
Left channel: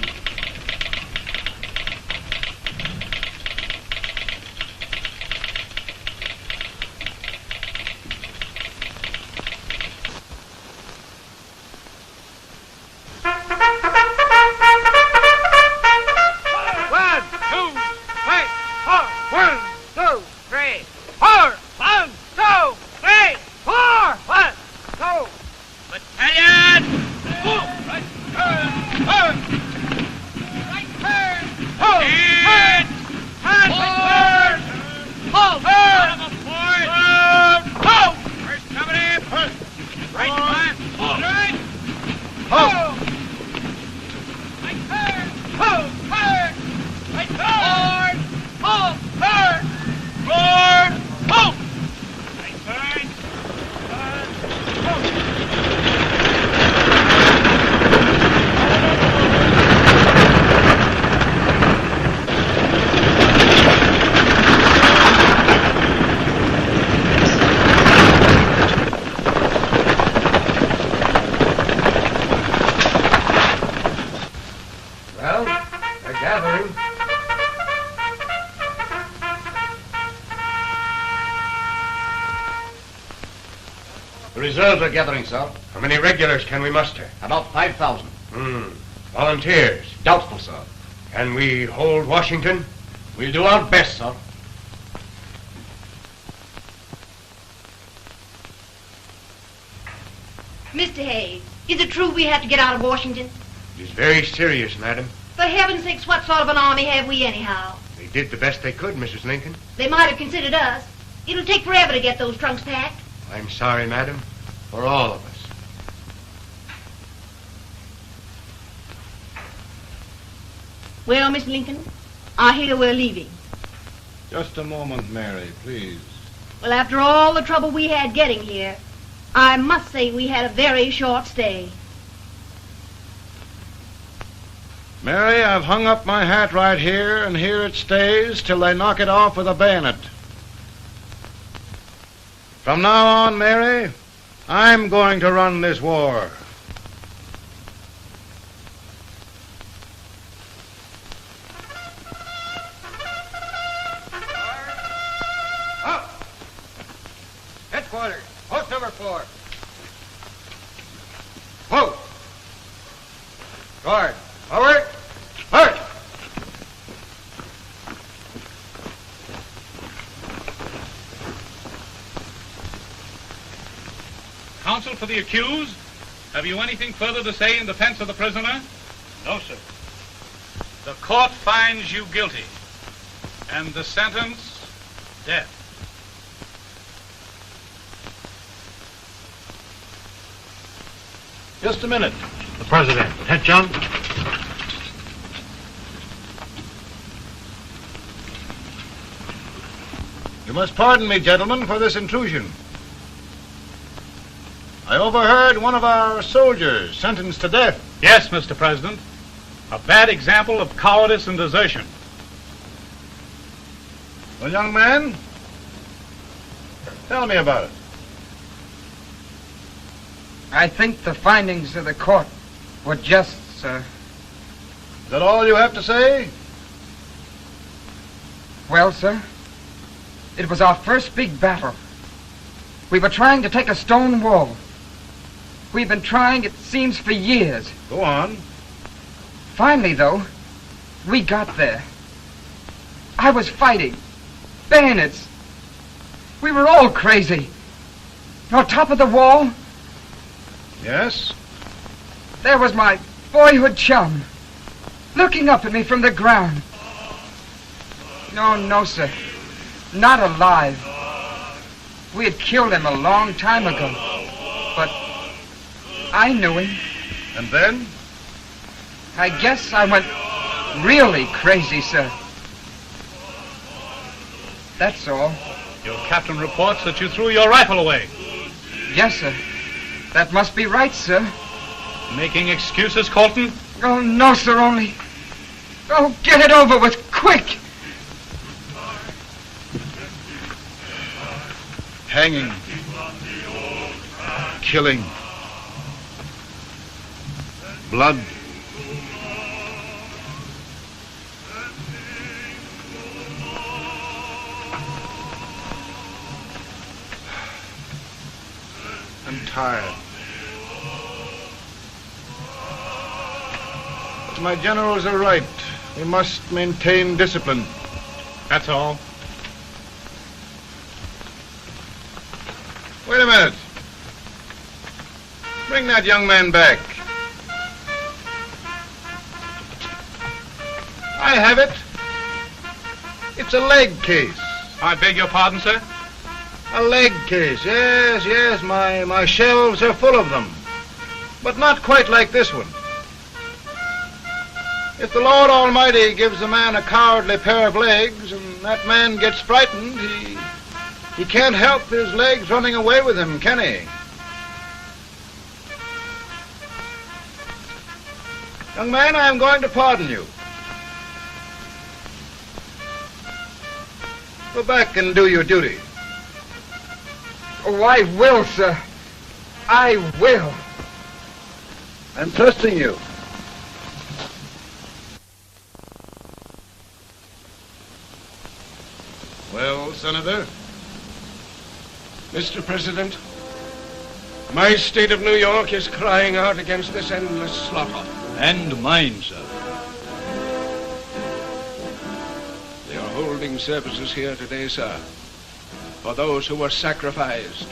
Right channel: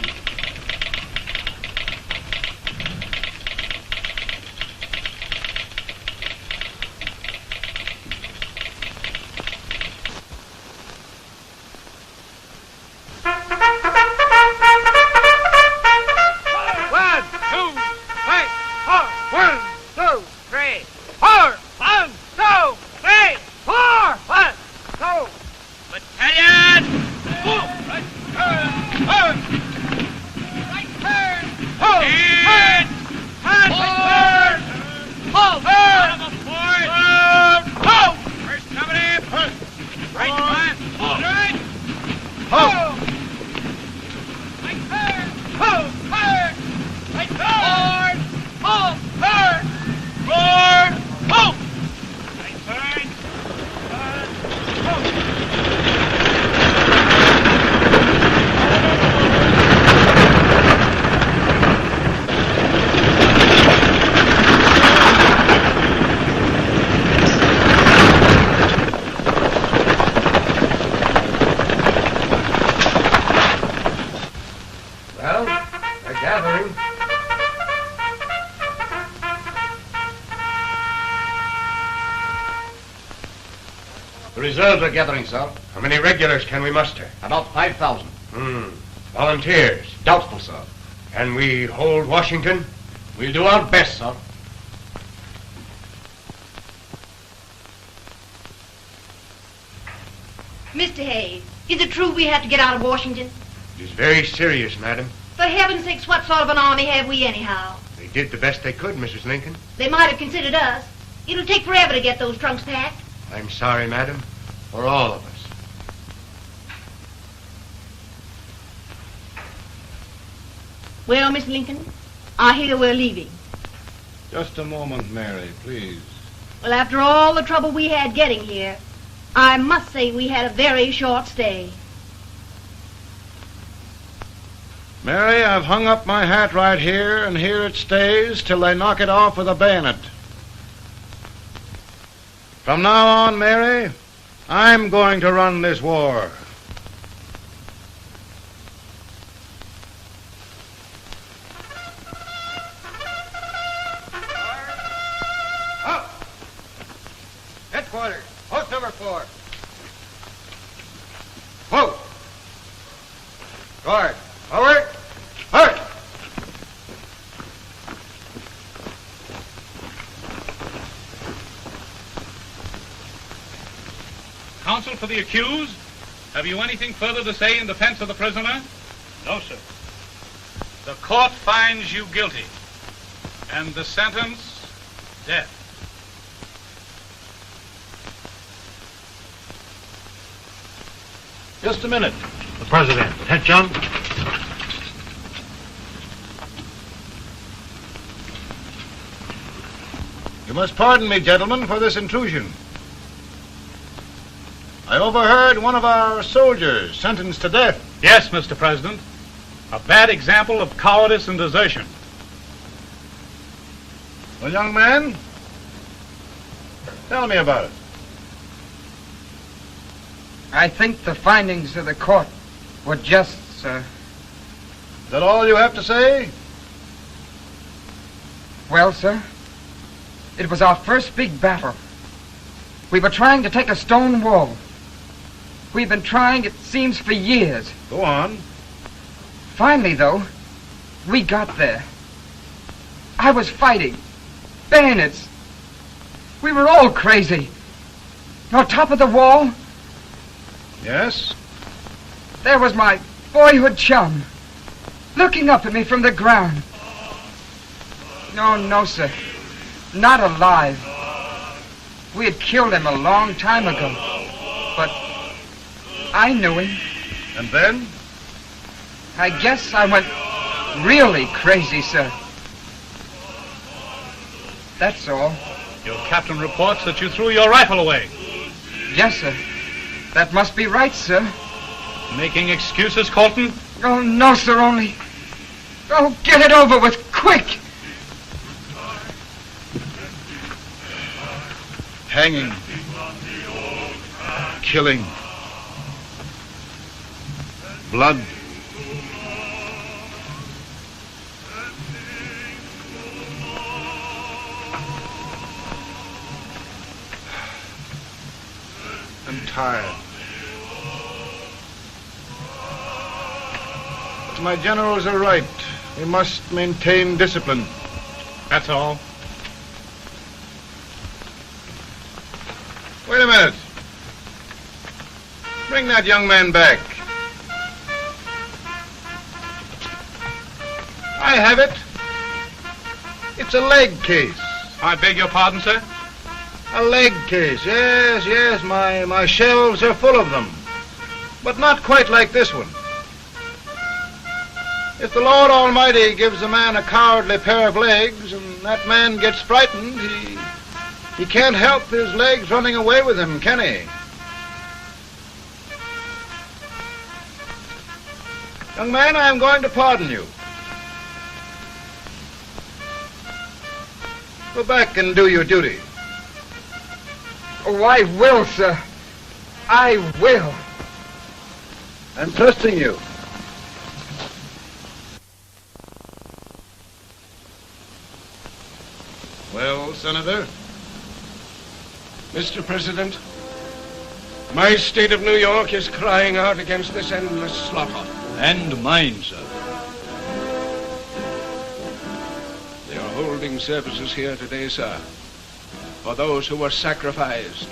The reserves are gathering, sir. How many regulars can we muster? About 5,000. Volunteers? Doubtful, sir. Can we hold Washington? We'll do our best, sir. Mr. Hayes, is it true we have to get out of Washington? It's very serious, madam. For heaven's sakes, what sort of an army have we anyhow? They did the best they could, Mrs. Lincoln. They might have considered us. It'll take forever to get those trunks packed. I'm sorry, madam, for all of us. Well, Miss Lincoln, I hear we're leaving. Just a moment, Mary, please. Well, after all the trouble we had getting here, I must say we had a very short stay. Mary, I've hung up my hat right here, and here it stays till they knock it off with a bayonet. From now on, Mary, I'm going to run this war. Headquarters, post number 4. Whoa! Guard, forward, march! Counsel for the accused, have you anything further to say in defense of the prisoner? No, sir. The court finds you guilty, and the sentence, death. Just a minute. The president. Head, John. You must pardon me, gentlemen, for this intrusion. I overheard one of our soldiers sentenced to death. Yes, Mr. President. A bad example of cowardice and desertion. Well, young man, tell me about it. I think the findings of the court were just, sir. Is that all you have to say? Well, sir, it was our first big battle. We were trying to take a stone wall. We've been trying, it seems, for years. Go on. Finally, though, we got there. I was fighting. Bayonets. We were all crazy. On top of the wall, Yes? there was my boyhood chum, looking up at me from the ground. No, sir. Not alive. We had killed him a long time ago. But I knew him. And then? I guess I went really crazy, sir. That's all. Your captain reports that you threw your rifle away. Yes, sir. That must be right, sir. Making excuses, Colton? Oh, no, sir, only... Oh, get it over with, quick! Hanging. Killing. Blood. I'm tired. But my generals are right. We must maintain discipline. That's all. Wait a minute. Bring that young man back. I have it. It's a leg case. I beg your pardon, sir? A leg case, yes. My shelves are full of them. But not quite like this one. If the Lord Almighty gives a man a cowardly pair of legs and that man gets frightened, he can't help his legs running away with him, can he? Young man, I am going to pardon you. Go back and do your duty. Oh, I will, sir. I will. I'm trusting you. Well, Senator? Mr. President, My state of New York is crying out against this endless slaughter. And mine, sir. They are holding services here today, sir, for those who were sacrificed,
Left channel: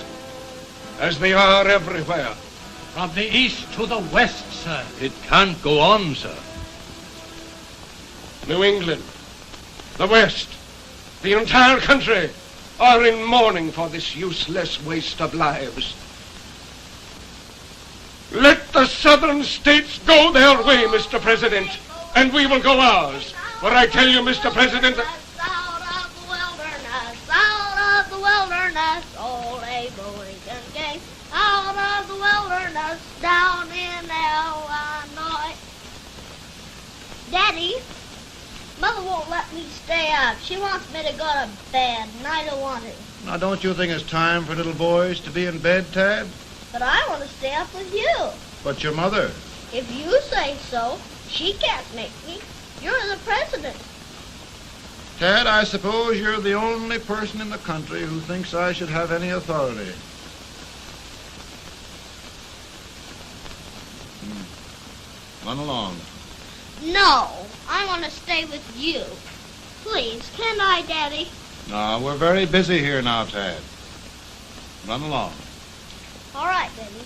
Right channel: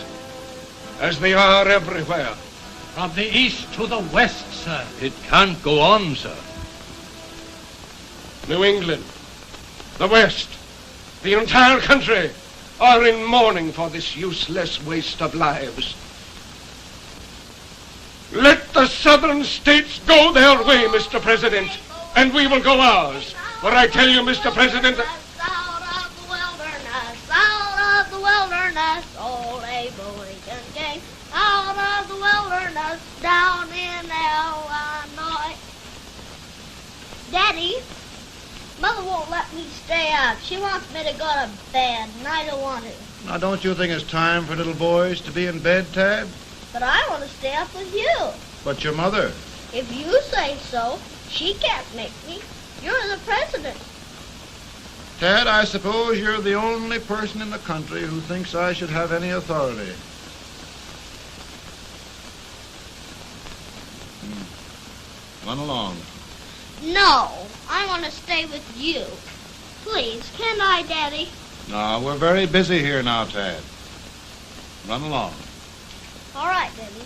as they are everywhere. From the east to the west, sir. It can't go on, sir. New England, the West, the entire country are in mourning for this useless waste of lives. Let the southern states go their way, Mr. President, and we will go ours. For I tell you, Mr. President, Out of the wilderness, old Abe Lincoln came. Out of the wilderness, down in Illinois. Daddy, Mother won't let me stay up. She wants me to go to bed, and I don't want to. Now, don't you think it's time for little boys to be in bed, Tad? But I want to stay up with you. But your mother? If you say so, she can't make me. You're the president. Tad, I suppose you're the only person in the country who thinks I should have any authority. Run along. No, I want to stay with you. Please, can I, Daddy? No, we're very busy here now, Tad. Run along. All right, Daddy.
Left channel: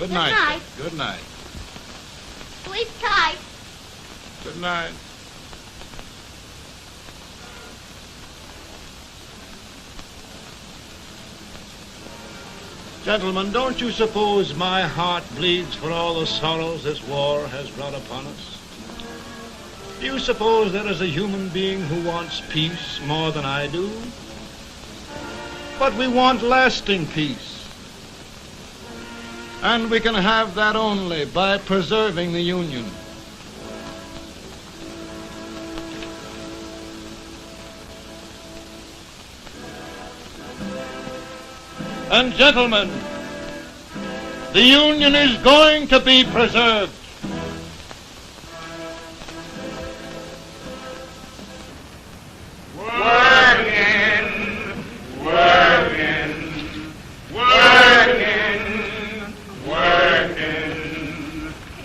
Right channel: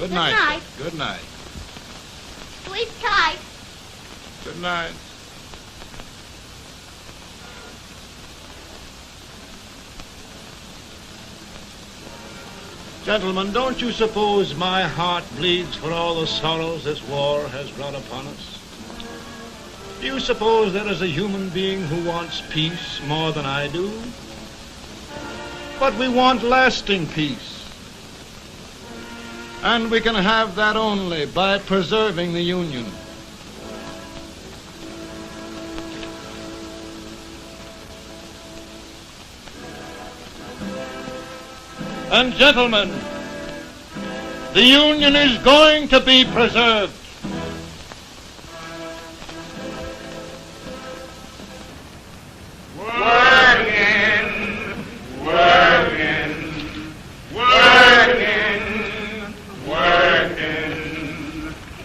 Good night. Good night. Sleep tight. Good night. Gentlemen, don't you suppose my heart bleeds for all the sorrows this war has brought upon us? Do you suppose there is a human being who wants peace more than I do? But we want lasting peace. And we can have that only by preserving the Union. And gentlemen, the Union is going to be preserved.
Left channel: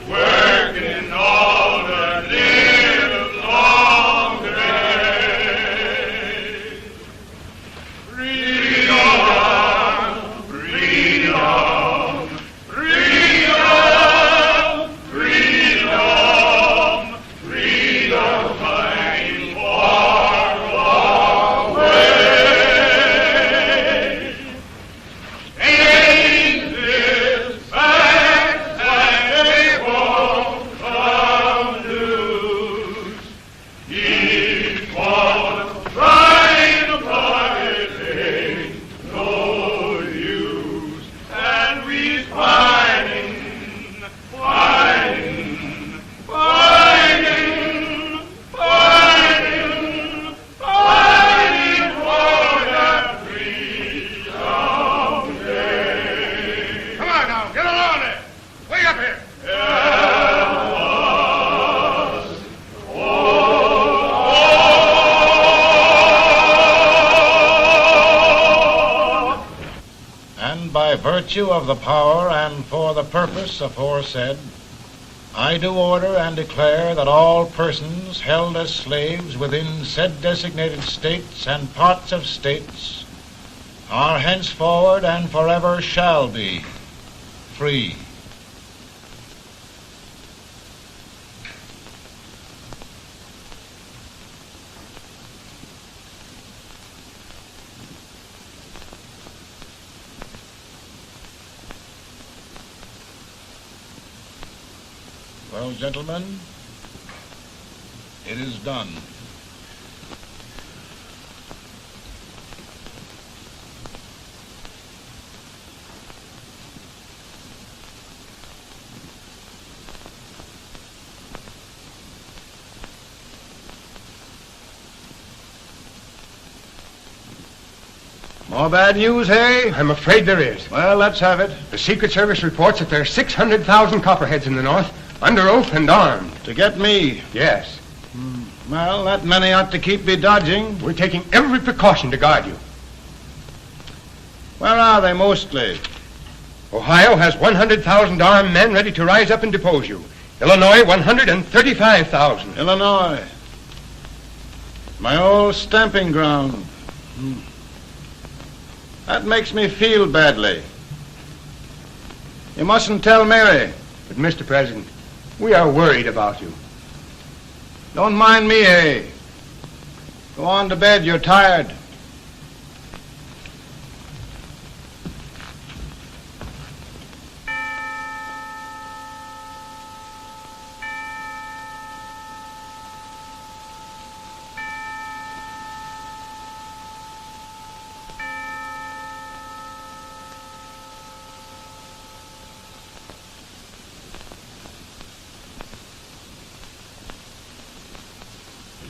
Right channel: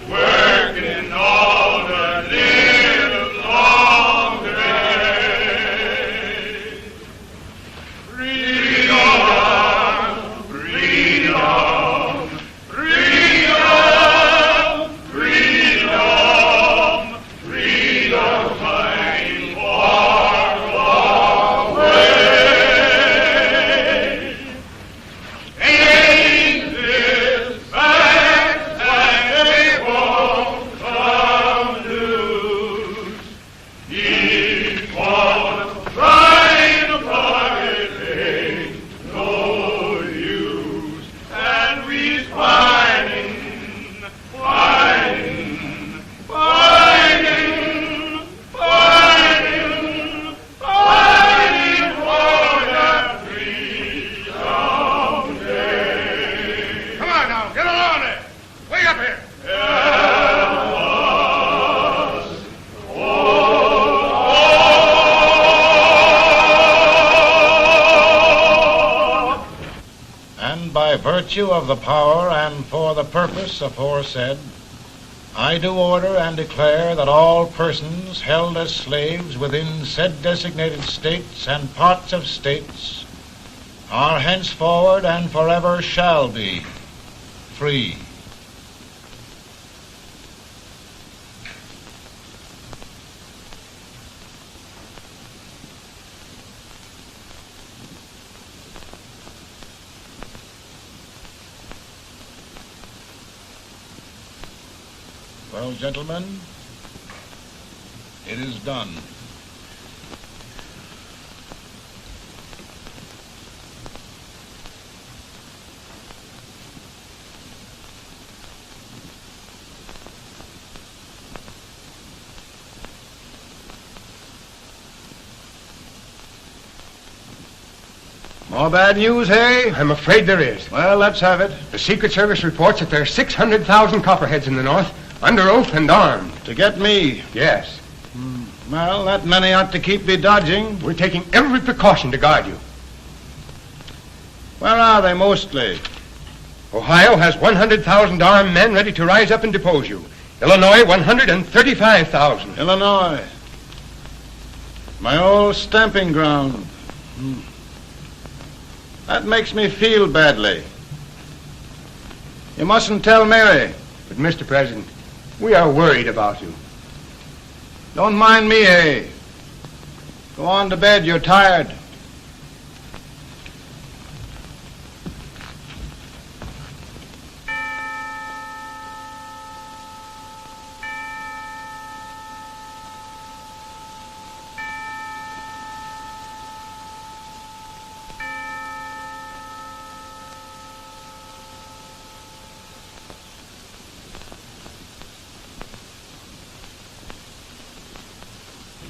Working all the live long day. Freedom, freedom, freedom, freedom, freedom, fighting for the way. Ain't this fact that they won't come loose? Keep on trying to pirate, ain't no use. And we's fighting, fighting, fighting, fighting, fighting for that freedom day. Come on now, get along there. Way up here. And by virtue of the power and for the purpose aforesaid, I do order and declare that all persons held as slaves within said designated states and parts of states are henceforward and forever shall be free. Well, gentlemen, it is done. More bad news, eh? I'm afraid there is. Well, let's have it. The Secret Service reports that there are 600,000 copperheads in the North, under oath and armed. To get me? Yes. Well, that many ought to keep me dodging. We're taking every precaution to guard you. Where are they mostly? Ohio has 100,000 men ready to rise up and depose you. Illinois, 135,000. Illinois. My old stamping ground. That makes me feel badly. You mustn't tell Mary. But, Mr. President, we are worried about you. Don't mind me, eh? Go on to bed, you're tired.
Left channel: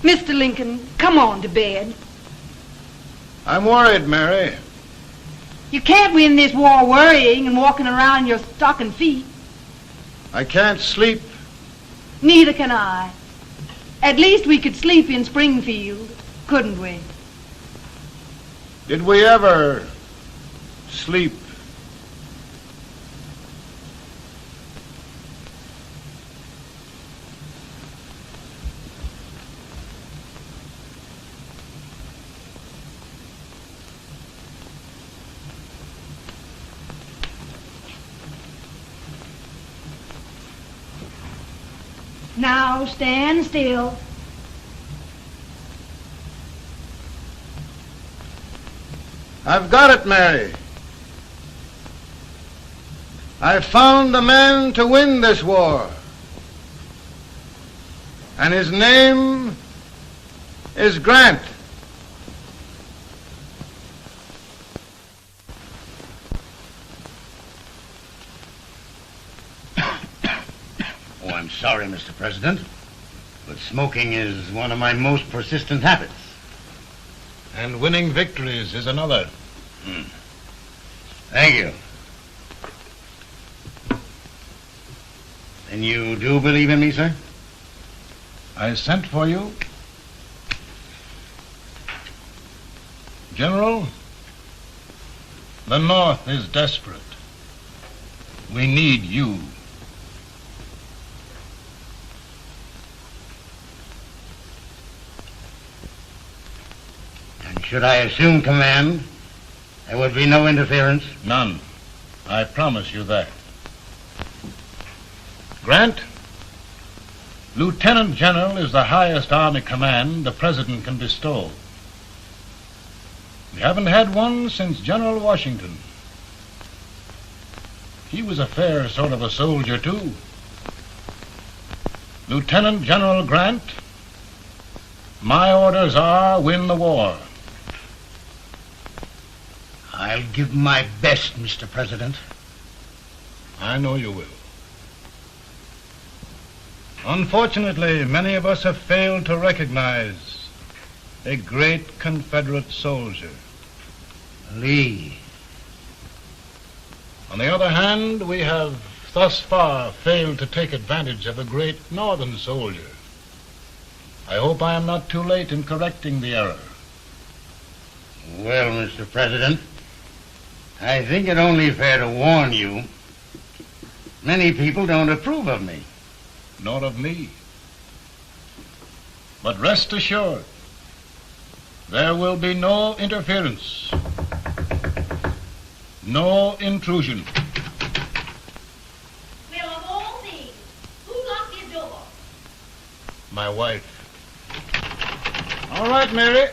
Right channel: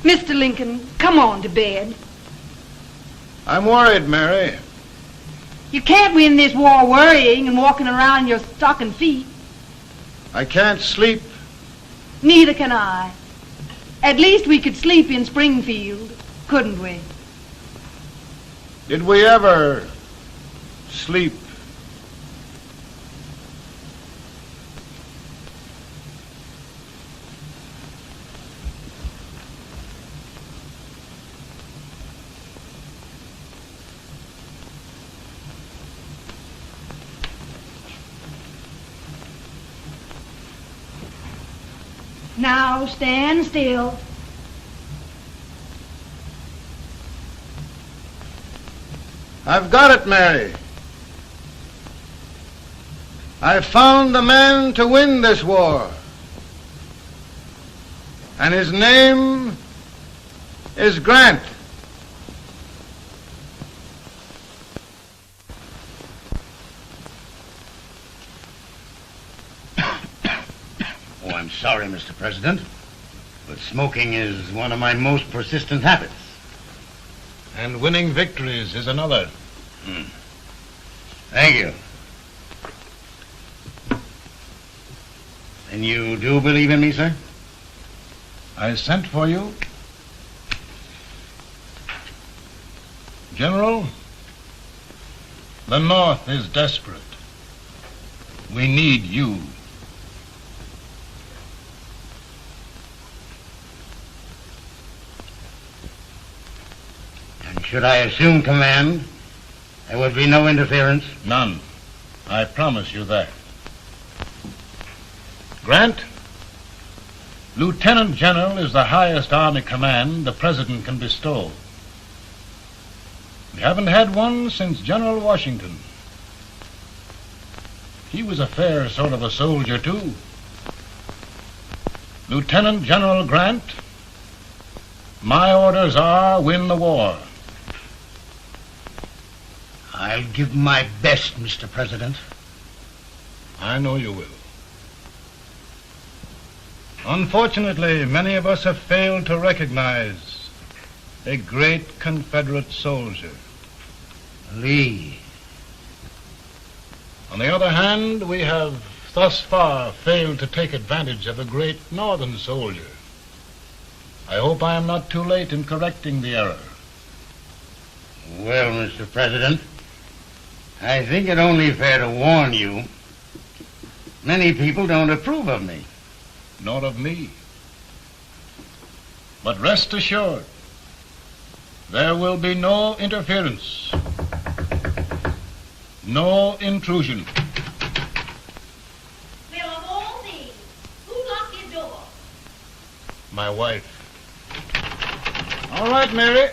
Mr. Lincoln, come on to bed. I'm worried, Mary. You can't win this war worrying and walking around in your stocking feet. I can't sleep. Neither can I. At least we could sleep in Springfield, couldn't we? Did we ever sleep? Now stand still. I've got it, Mary. I've found the man to win this war. And his name is Grant. Oh, I'm sorry, Mr. President, but smoking is one of my most persistent habits. And winning victories is another. Thank you. And you do believe in me, sir? I sent for you. General, the North is desperate. We need you. And should I assume command, there would be no interference? None. I promise you that. Grant, Lieutenant General is the highest army command the President can bestow. We haven't had one since General Washington. He was a fair sort of a soldier, too. Lieutenant General Grant, my orders are win the war. I'll give my best, Mr. President. I know you will. Unfortunately, many of us have failed to recognize a great Confederate soldier. Lee. On the other hand, we have thus far failed to take advantage of a great Northern soldier. I hope I am not too late in correcting the error. Well, Mr. President, I think it only fair to warn you. Many people don't approve of me. Nor of me. But rest assured, there will be no interference, no intrusion. Well, of all things, who locked your door? My wife. All right, Mary.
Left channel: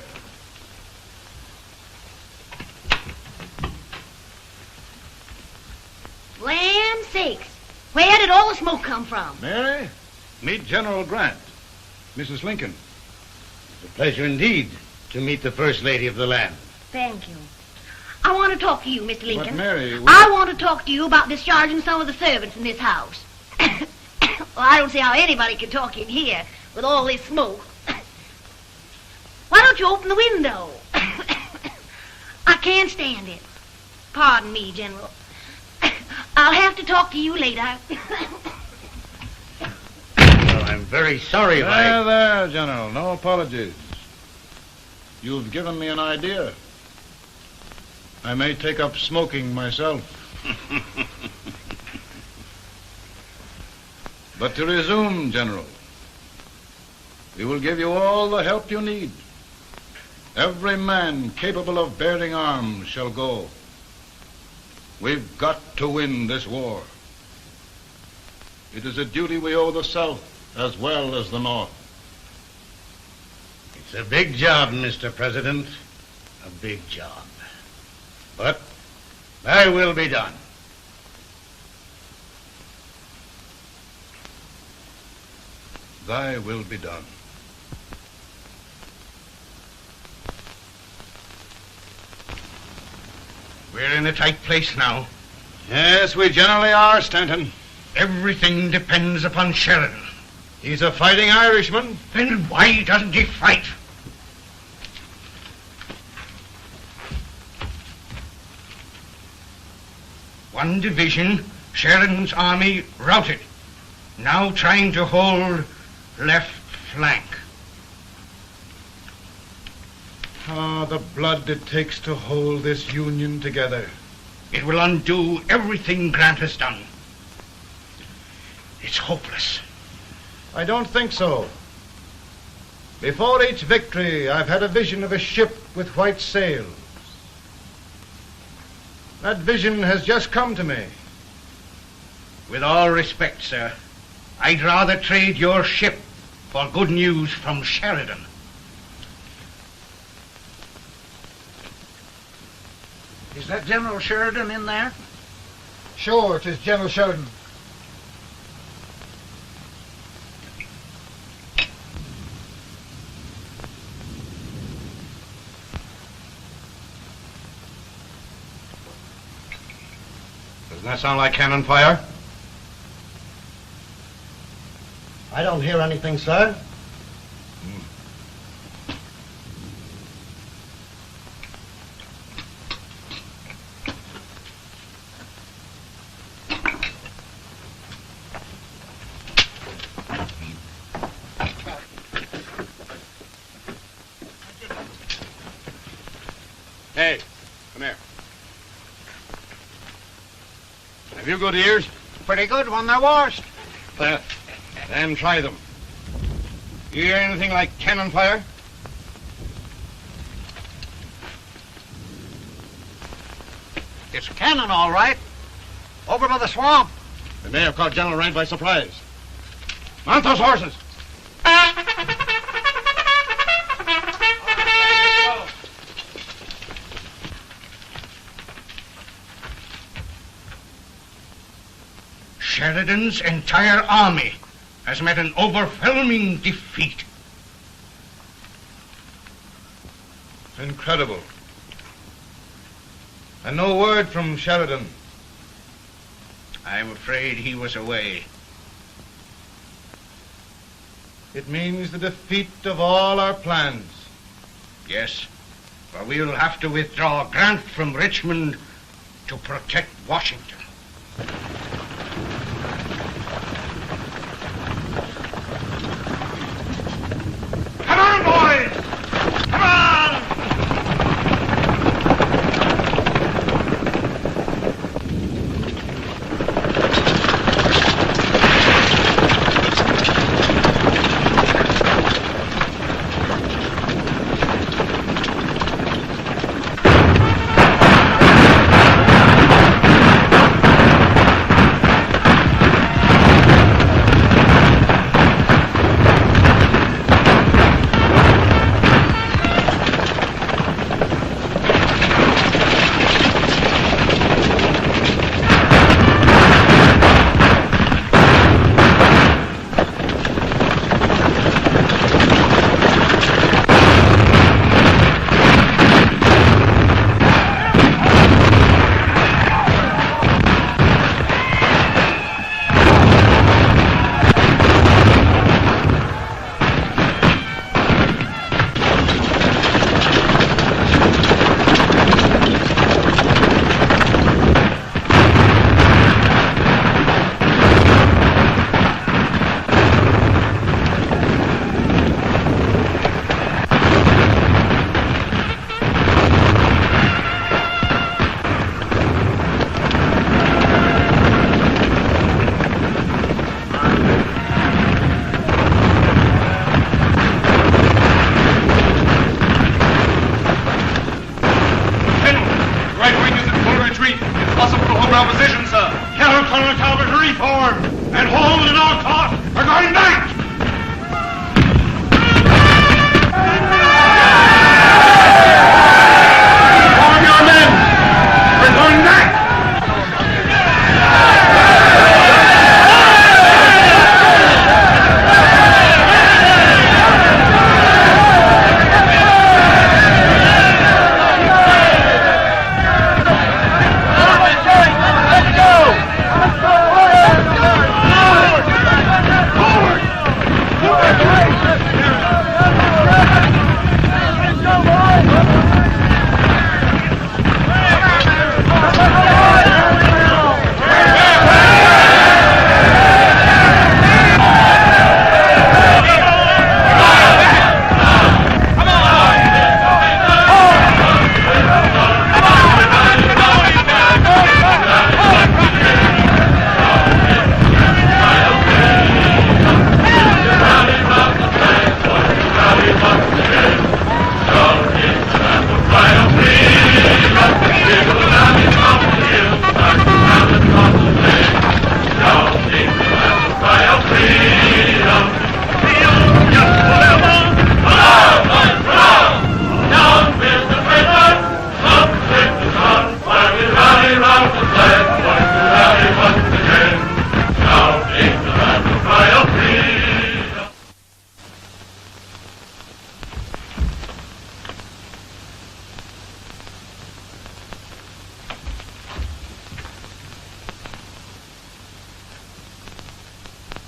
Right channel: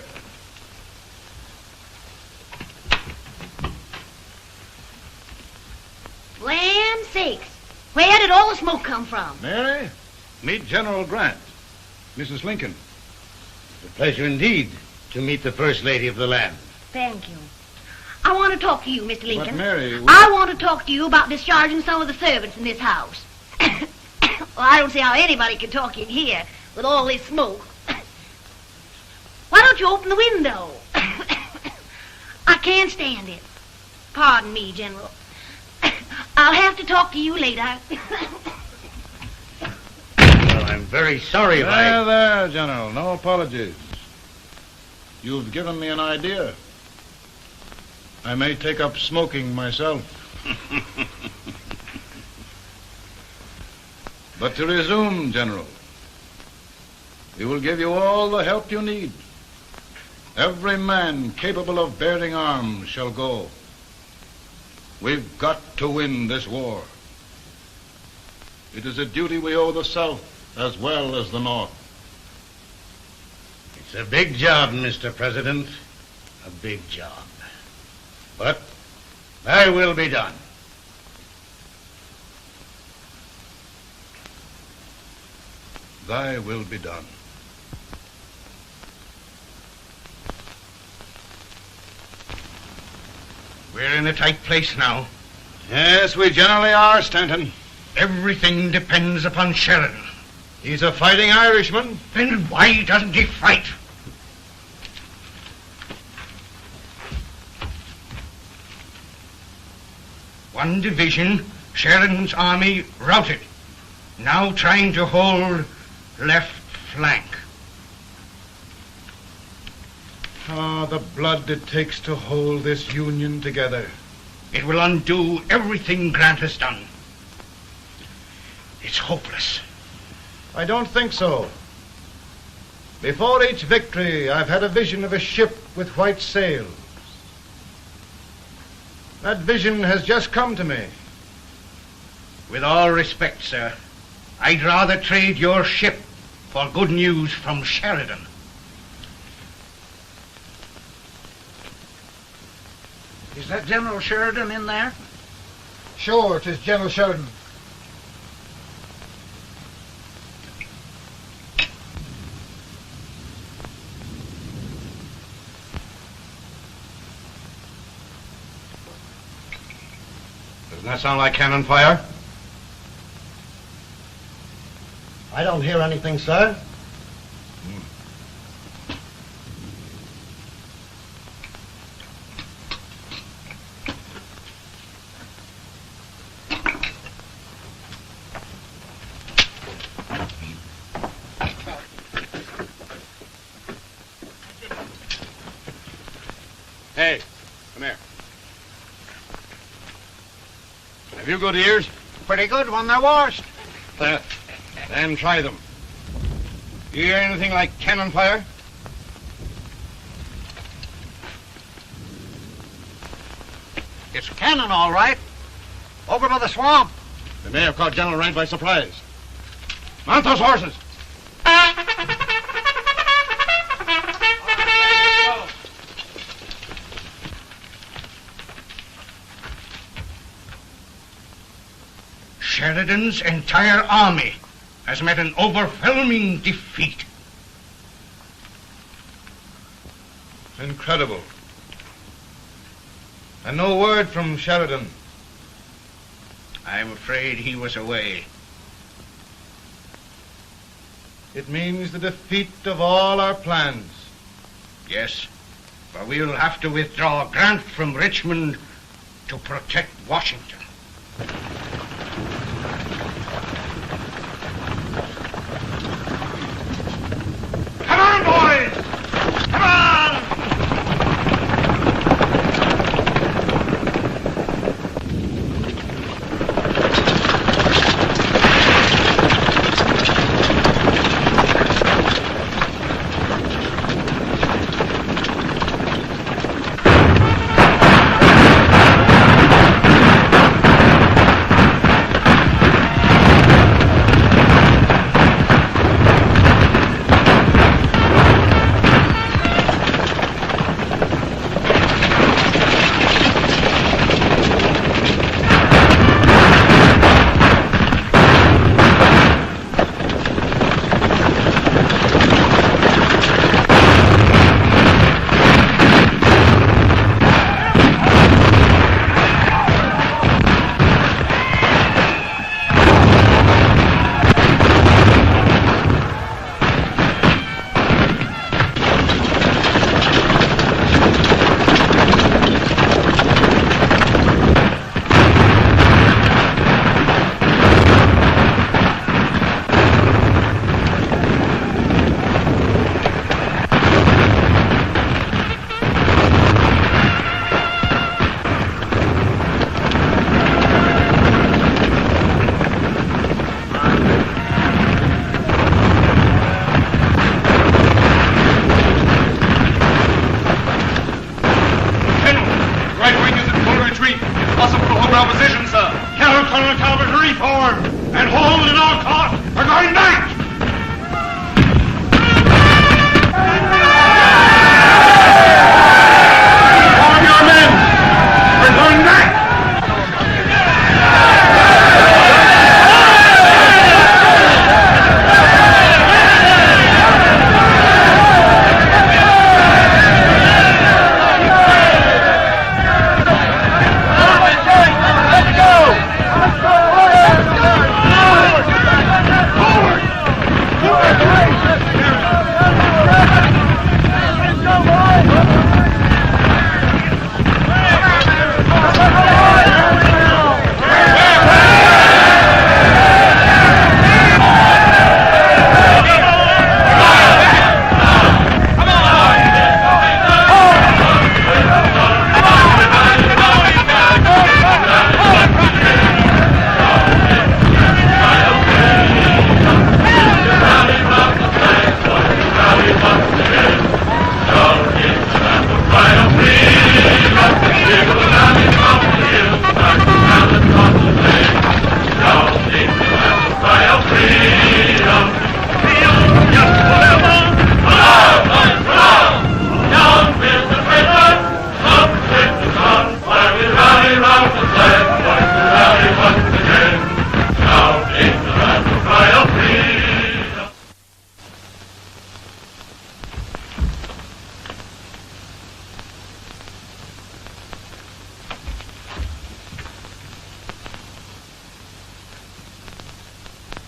Land sakes, where did all the smoke come from? Mary, meet General Grant. Mrs. Lincoln. It's a pleasure indeed to meet the First Lady of the land. Thank you. I want to talk to you, Mr. Lincoln. But Mary, I want to talk to you about discharging some of the servants in this house. Well, I don't see how anybody can talk in here with all this smoke. Why don't you open the window? I can't stand it. Pardon me, General. I'll have to talk to you later. Well, I'm very sorry if There, General. No apologies. You've given me an idea. I may take up smoking myself. But to resume, General, we will give you all the help you need. Every man capable of bearing arms shall go. We've got to win this war. It is a duty we owe the South as well as the North. It's a big job, Mr. President. A big job. But thy will be done. Thy will be done. We're in a tight place now. Yes, we generally are, Stanton. Everything depends upon Sheridan. He's a fighting Irishman. Then why doesn't he fight? One division, Sheridan's army, routed. Now trying to hold left flank. Ah, the blood it takes to hold this Union together. It will undo everything Grant has done. It's hopeless. I don't think so. Before each victory, I've had a vision of a ship with white sails. That vision has just come to me. With all respect, sir, I'd rather trade your ship for good news from Sheridan. Is that General Sheridan in there? Sure, it is General Sheridan. Doesn't that sound like cannon fire? I don't hear anything, sir. Hey, come here. Have you good ears? Pretty good when they're washed. Then try them. You hear anything like cannon fire? It's cannon, all right. Over by the swamp. They may have caught General Rank by surprise. Mount those horses! Sheridan's entire army has met an overwhelming defeat. It's incredible. And no word from Sheridan. I'm afraid he was away. It means the defeat of all our plans. Yes, for we'll have to withdraw Grant from Richmond to protect Washington. Come on, boys! Come on!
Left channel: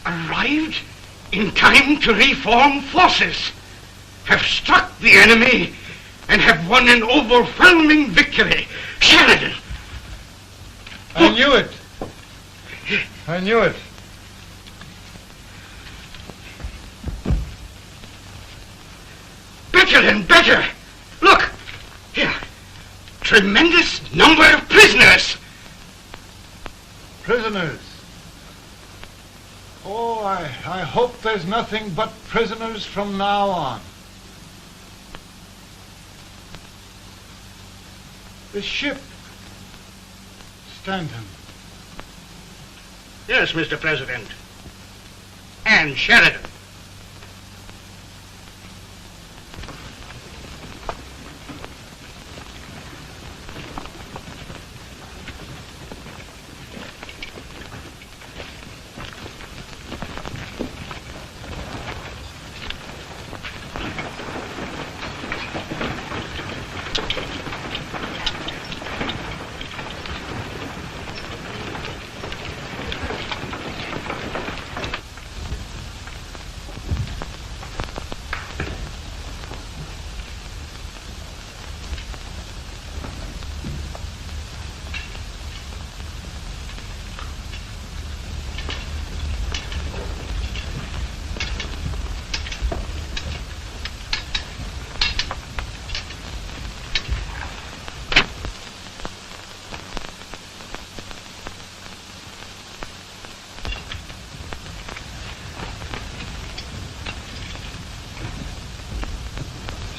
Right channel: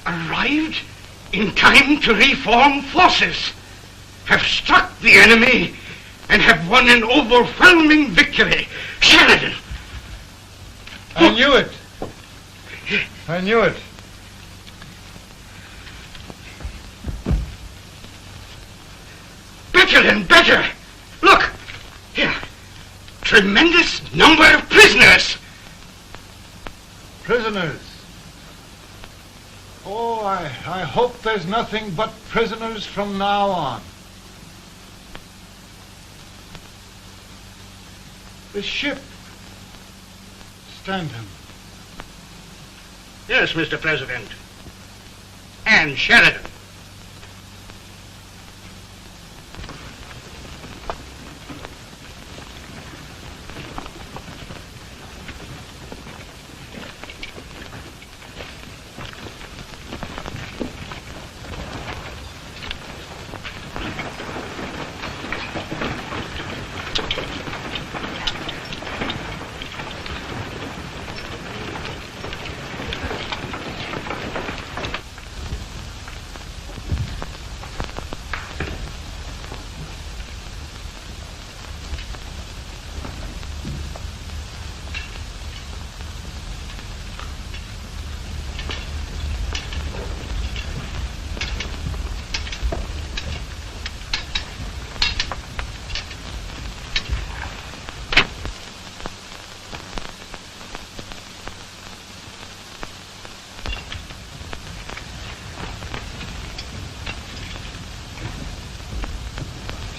Arrived in time to reform forces, have struck the enemy, and have won an overwhelming victory. Sheridan! I knew it. I knew it. Better and better. Look, here. Tremendous number of prisoners. Prisoners? Oh, I hope there's nothing but prisoners from now on. The ship. Stanton. Yes, Mr. President. And Sheridan.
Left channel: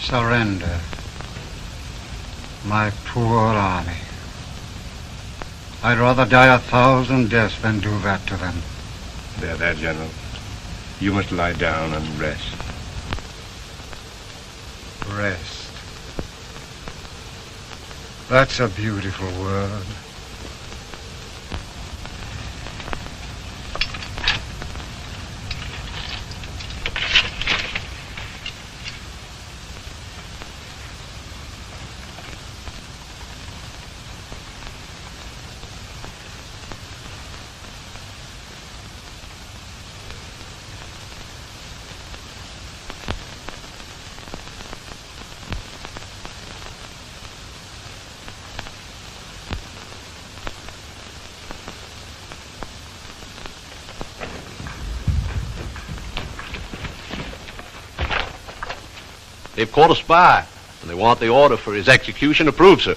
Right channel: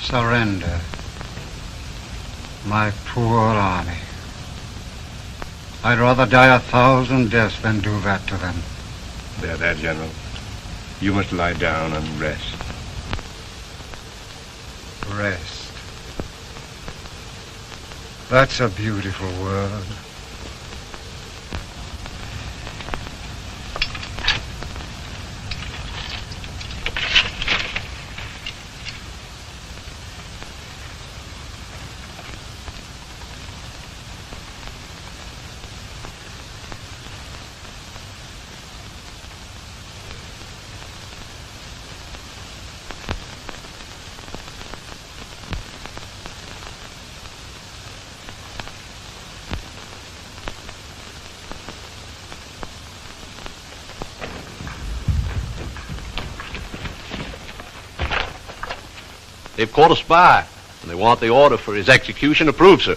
Surrender, my poor army. I'd rather die 1,000 deaths than do that to them. There, General. You must lie down and rest. Rest. That's a beautiful word. They've caught a spy, and they want the order for his execution approved, sir.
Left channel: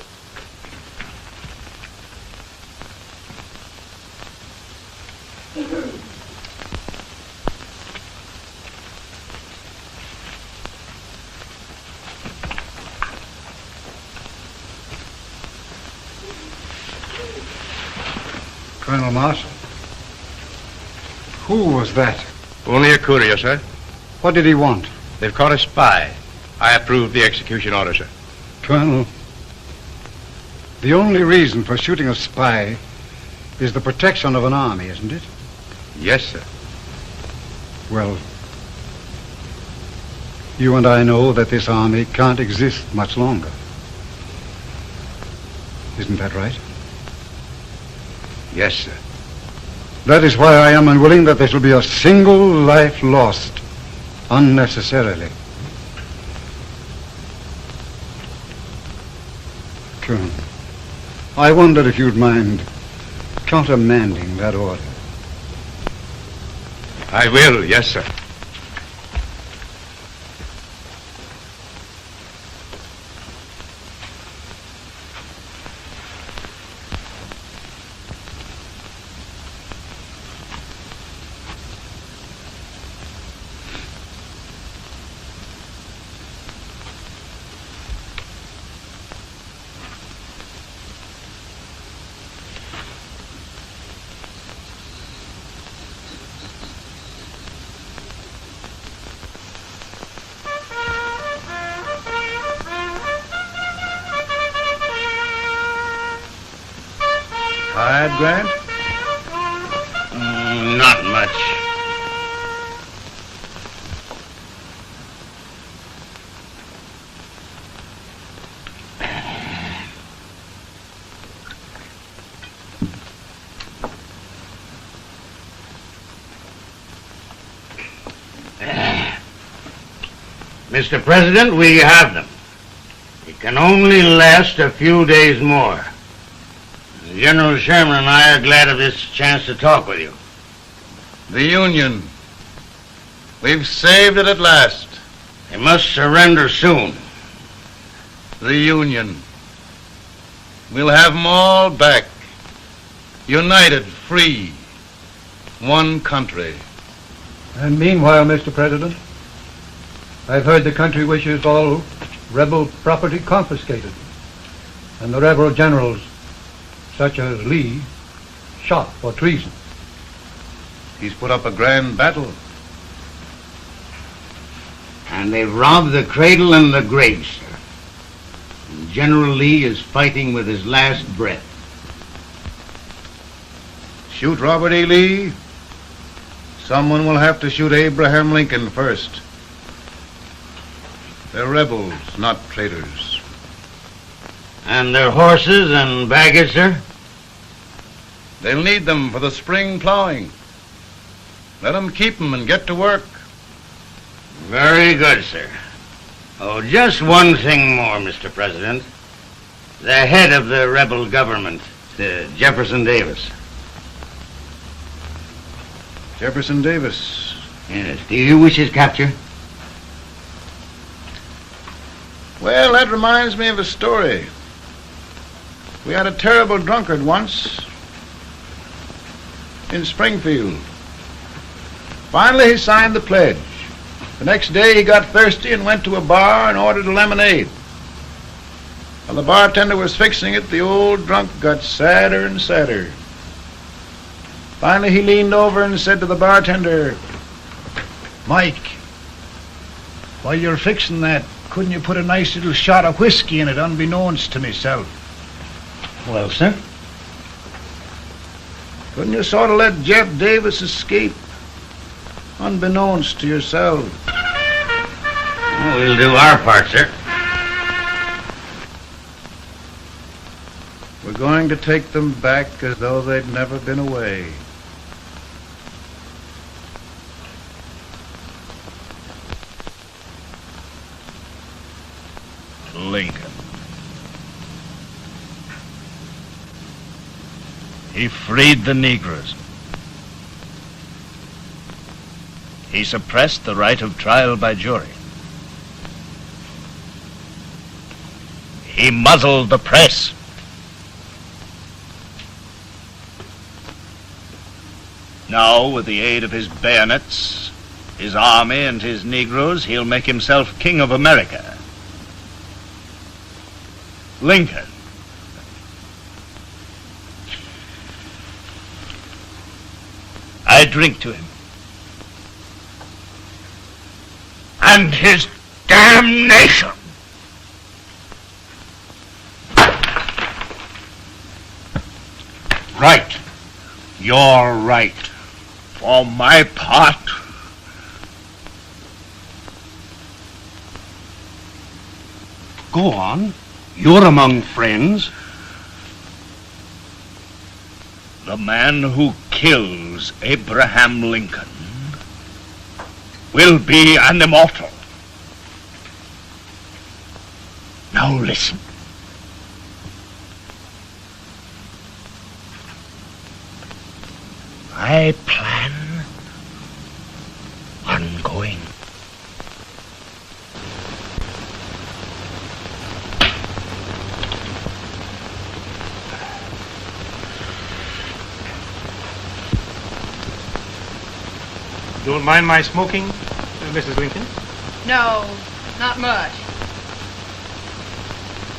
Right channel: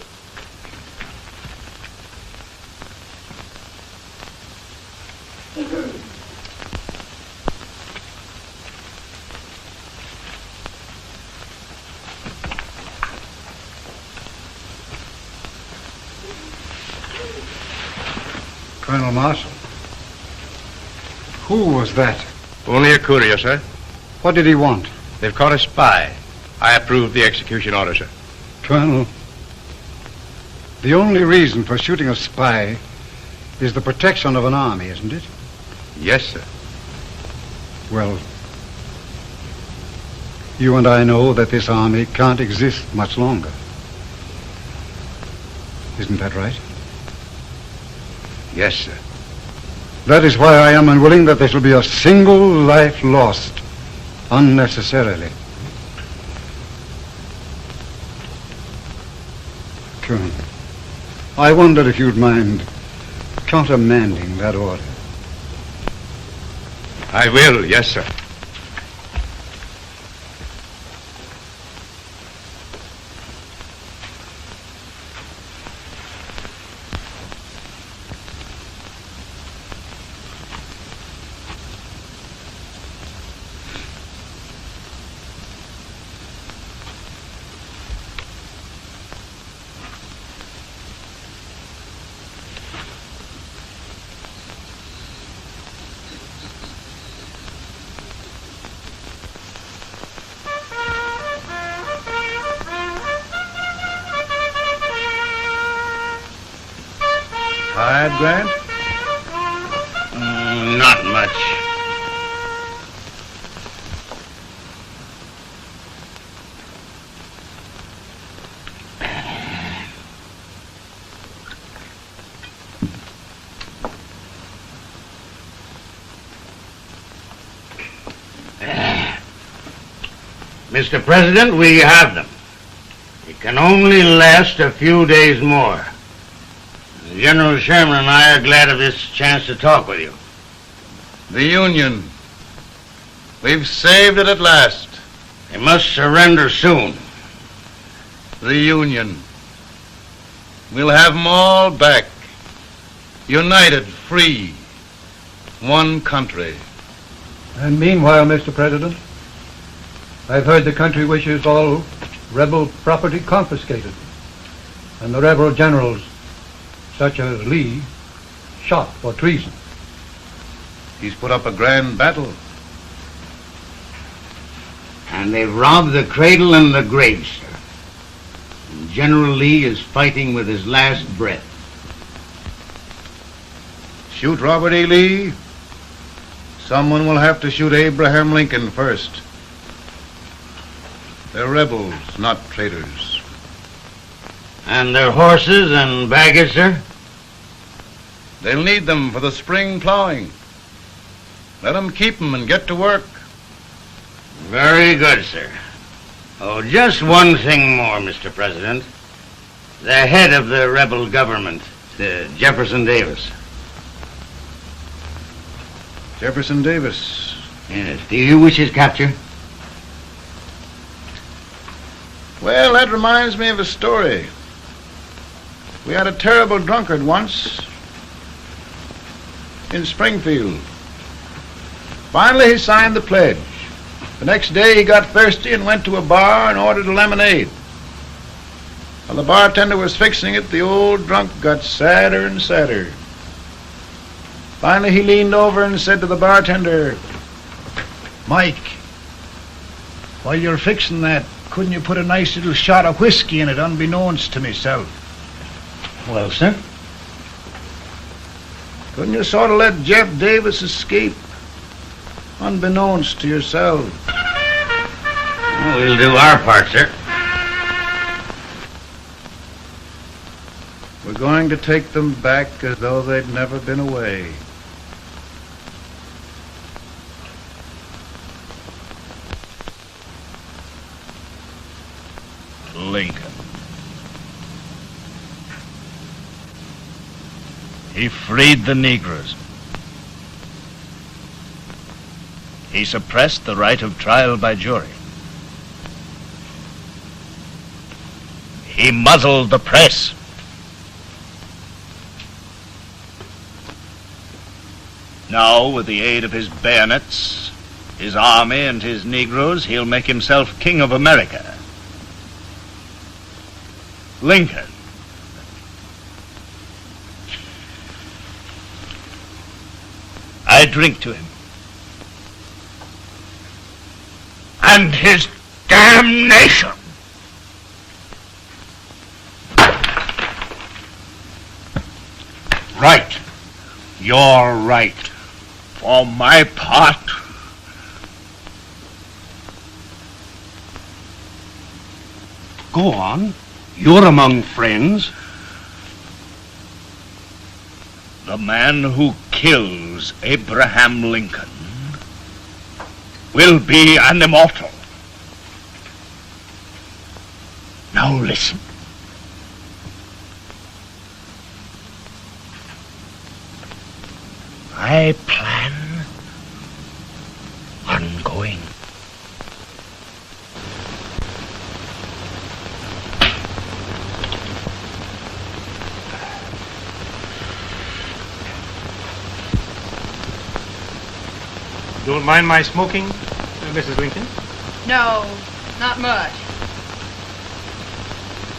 Colonel Marshall, who was that? Only a courier, sir. What did he want? They've caught a spy. I approve the execution order, sir. Colonel, the only reason for shooting a spy is the protection of an army, isn't it? Yes, sir. Well, you and I know that this army can't exist much longer. Isn't that right? Yes, sir. That is why I am unwilling that there shall be a single life lost unnecessarily. Colonel. I wondered if you'd mind countermanding that order. I will, yes, sir. Grant? Not much. Mr. President, we have them. It can only last a few days more. General Sherman and I are glad of this chance to talk with you. The Union. We've saved it at last. They must surrender soon. The Union. We'll have them all back. United, free. One country. And meanwhile, Mr. President, I've heard the country wishes all rebel property confiscated, and the rebel generals, such as Lee, shot for treason. He's put up a grand battle. And they've robbed the cradle and the grave, sir. And General Lee is fighting with his last breath. Shoot Robert E. Lee? Someone will have to shoot Abraham Lincoln first. They're rebels, not traitors. And their horses and baggage, sir? They'll need them for the spring plowing. Let them keep them and get to work. Very good, sir. Oh, just one thing more, Mr. President. The head of the rebel government, Jefferson Davis. Jefferson Davis? Yes. Do you wish his capture? Well, that reminds me of a story. We had a terrible drunkard once in Springfield. Finally, he signed the pledge. The next day, he got thirsty and went to a bar and ordered a lemonade. While the bartender was fixing it, the old drunk got sadder and sadder. Finally, he leaned over and said to the bartender, "Mike, while you're fixing that, couldn't you put a nice little shot of whiskey in it, unbeknownst to myself?" Well, sir? Couldn't you sort of let Jeff Davis escape, unbeknownst to yourself? Well, we'll do our part, sir. We're going to take them back as though they'd never been away. Lincoln. He freed the Negroes. He suppressed the right of trial by jury. He muzzled the press. Now, with the aid of his bayonets, his army, and his Negroes, he'll make himself king of America. Lincoln. I drink to him. And his damnation. Right. You're right. For my part, Go on. You're among friends. the man who kills Abraham Lincoln will be an immortal. Now listen. mind my smoking, Mrs. Lincoln? No, not much.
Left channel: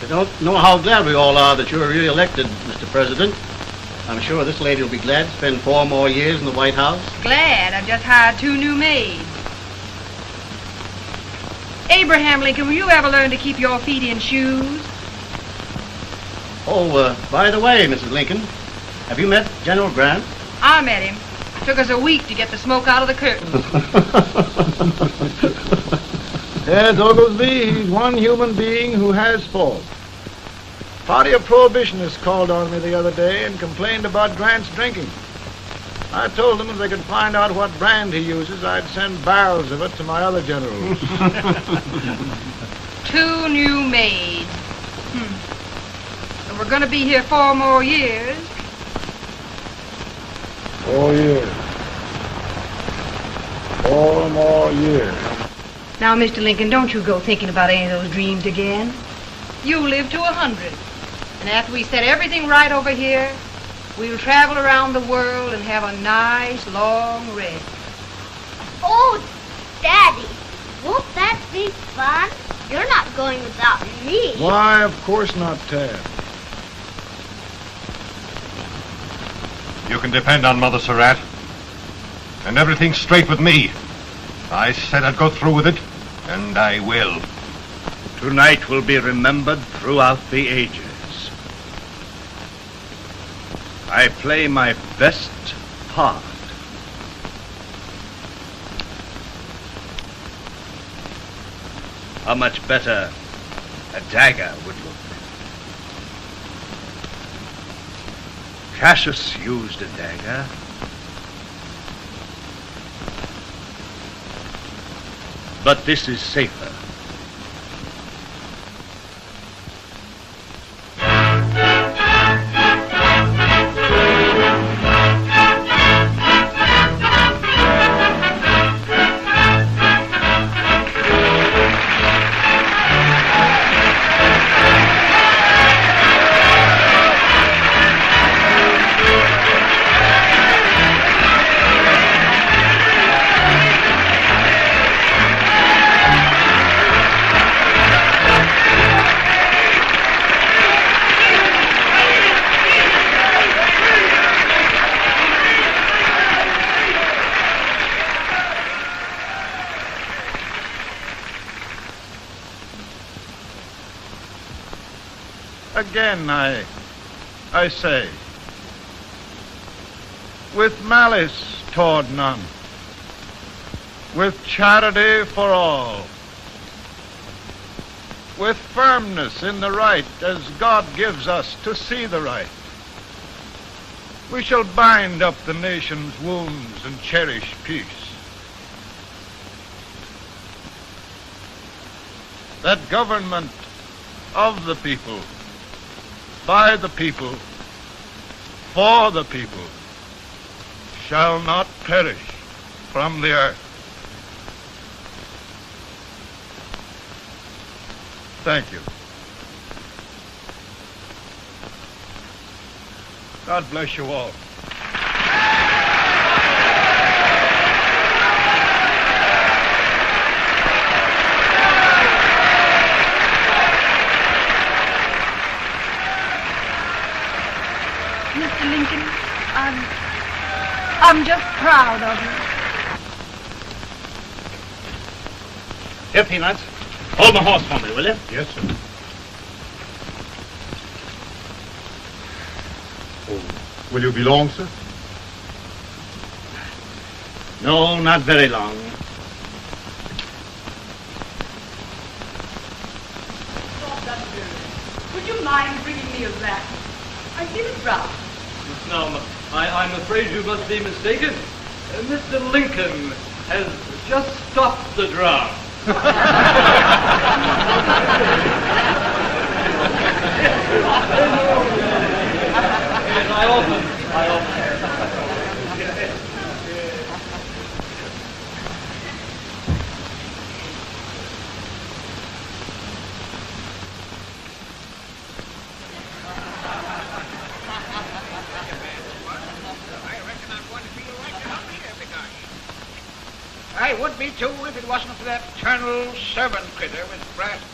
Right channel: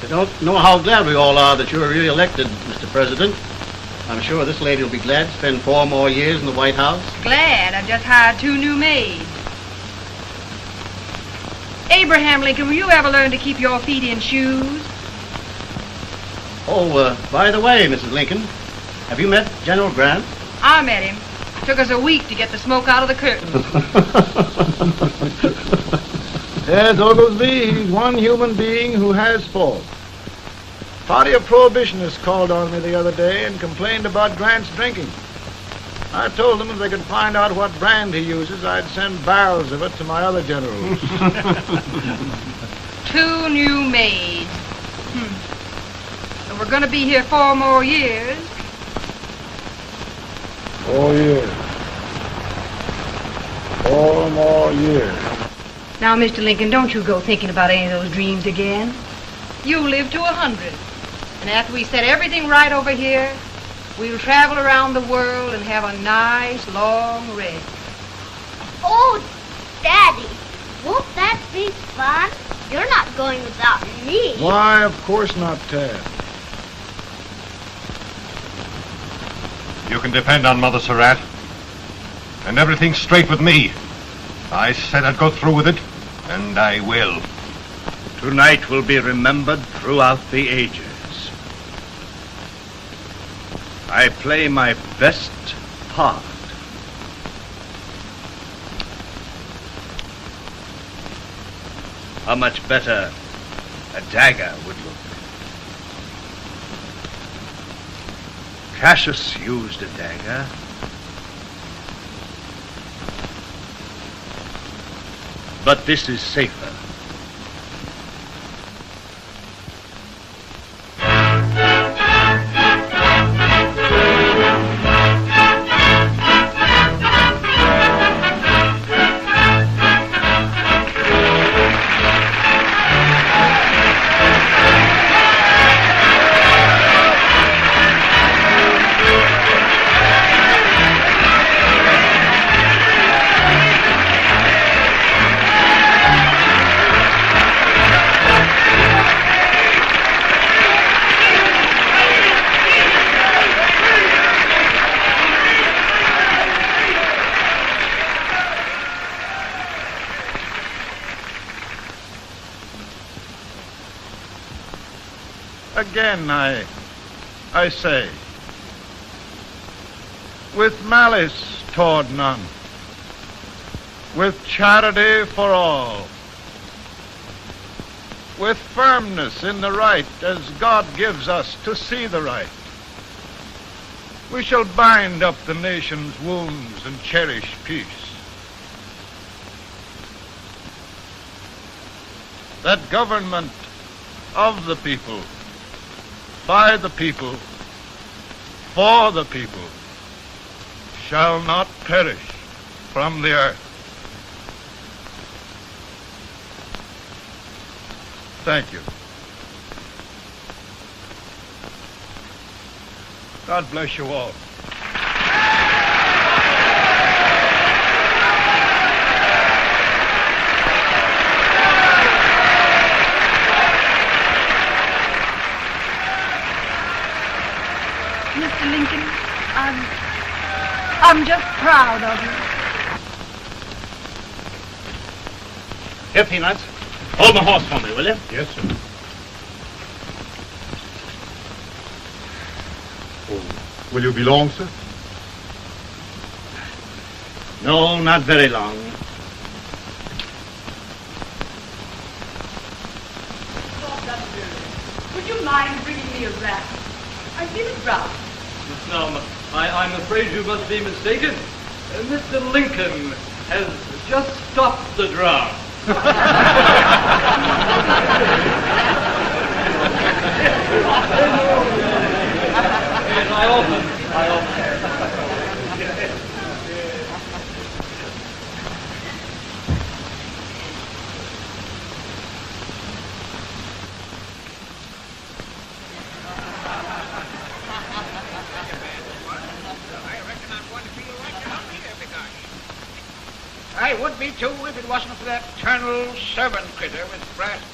You don't know how glad we all are that you were re-elected, Mr. President. I'm sure this lady will be glad to spend 4 more years in the White House. Glad. I've just hired 2 new maids. Abraham Lincoln, will you ever learn to keep your feet in shoes? Oh, by the way, Mrs. Lincoln, have you met General Grant? I met him. Took us a week to get the smoke out of the curtains. Yes, Oglesby, he's one human being who has faults. A party of prohibitionists called on me the other day and complained about Grant's drinking. I told them if they could find out what brand he uses, I'd send barrels of it to my other generals. 2 new maids. And we're going to be here 4 more years. 4 years. 4 more years. Now, Mr. Lincoln, don't you go thinking about any of those dreams again. You live to 100. And after we set everything right over here, we'll travel around the world and have a nice, long rest. Oh, Daddy, won't that be fun? You're not going without me. Why, of course not, Tad. You can depend on Mother Surratt. And everything's straight with me. I said I'd go through with it, and I will. Tonight will be remembered throughout the ages. I play my best part. How much better a dagger would look? Cassius used a dagger. But this is safer. Again, I say, with malice toward none, with charity for all, with firmness in the right as God gives us to see the right, we shall bind up the nation's wounds and cherish peace. That government of the people, by the people, for the people, shall not perish from the earth. Thank you. God bless you all. I'm just proud of you. Here, Peanuts. Hold my horse for me, will you? Yes, sir. Oh, will you be long, sir? No, not very long. Would you mind bringing me a wrap? I feel it rough. No, I'm afraid you must be mistaken. Mr. Lincoln has just stopped the drum. Channel 7 critter with brass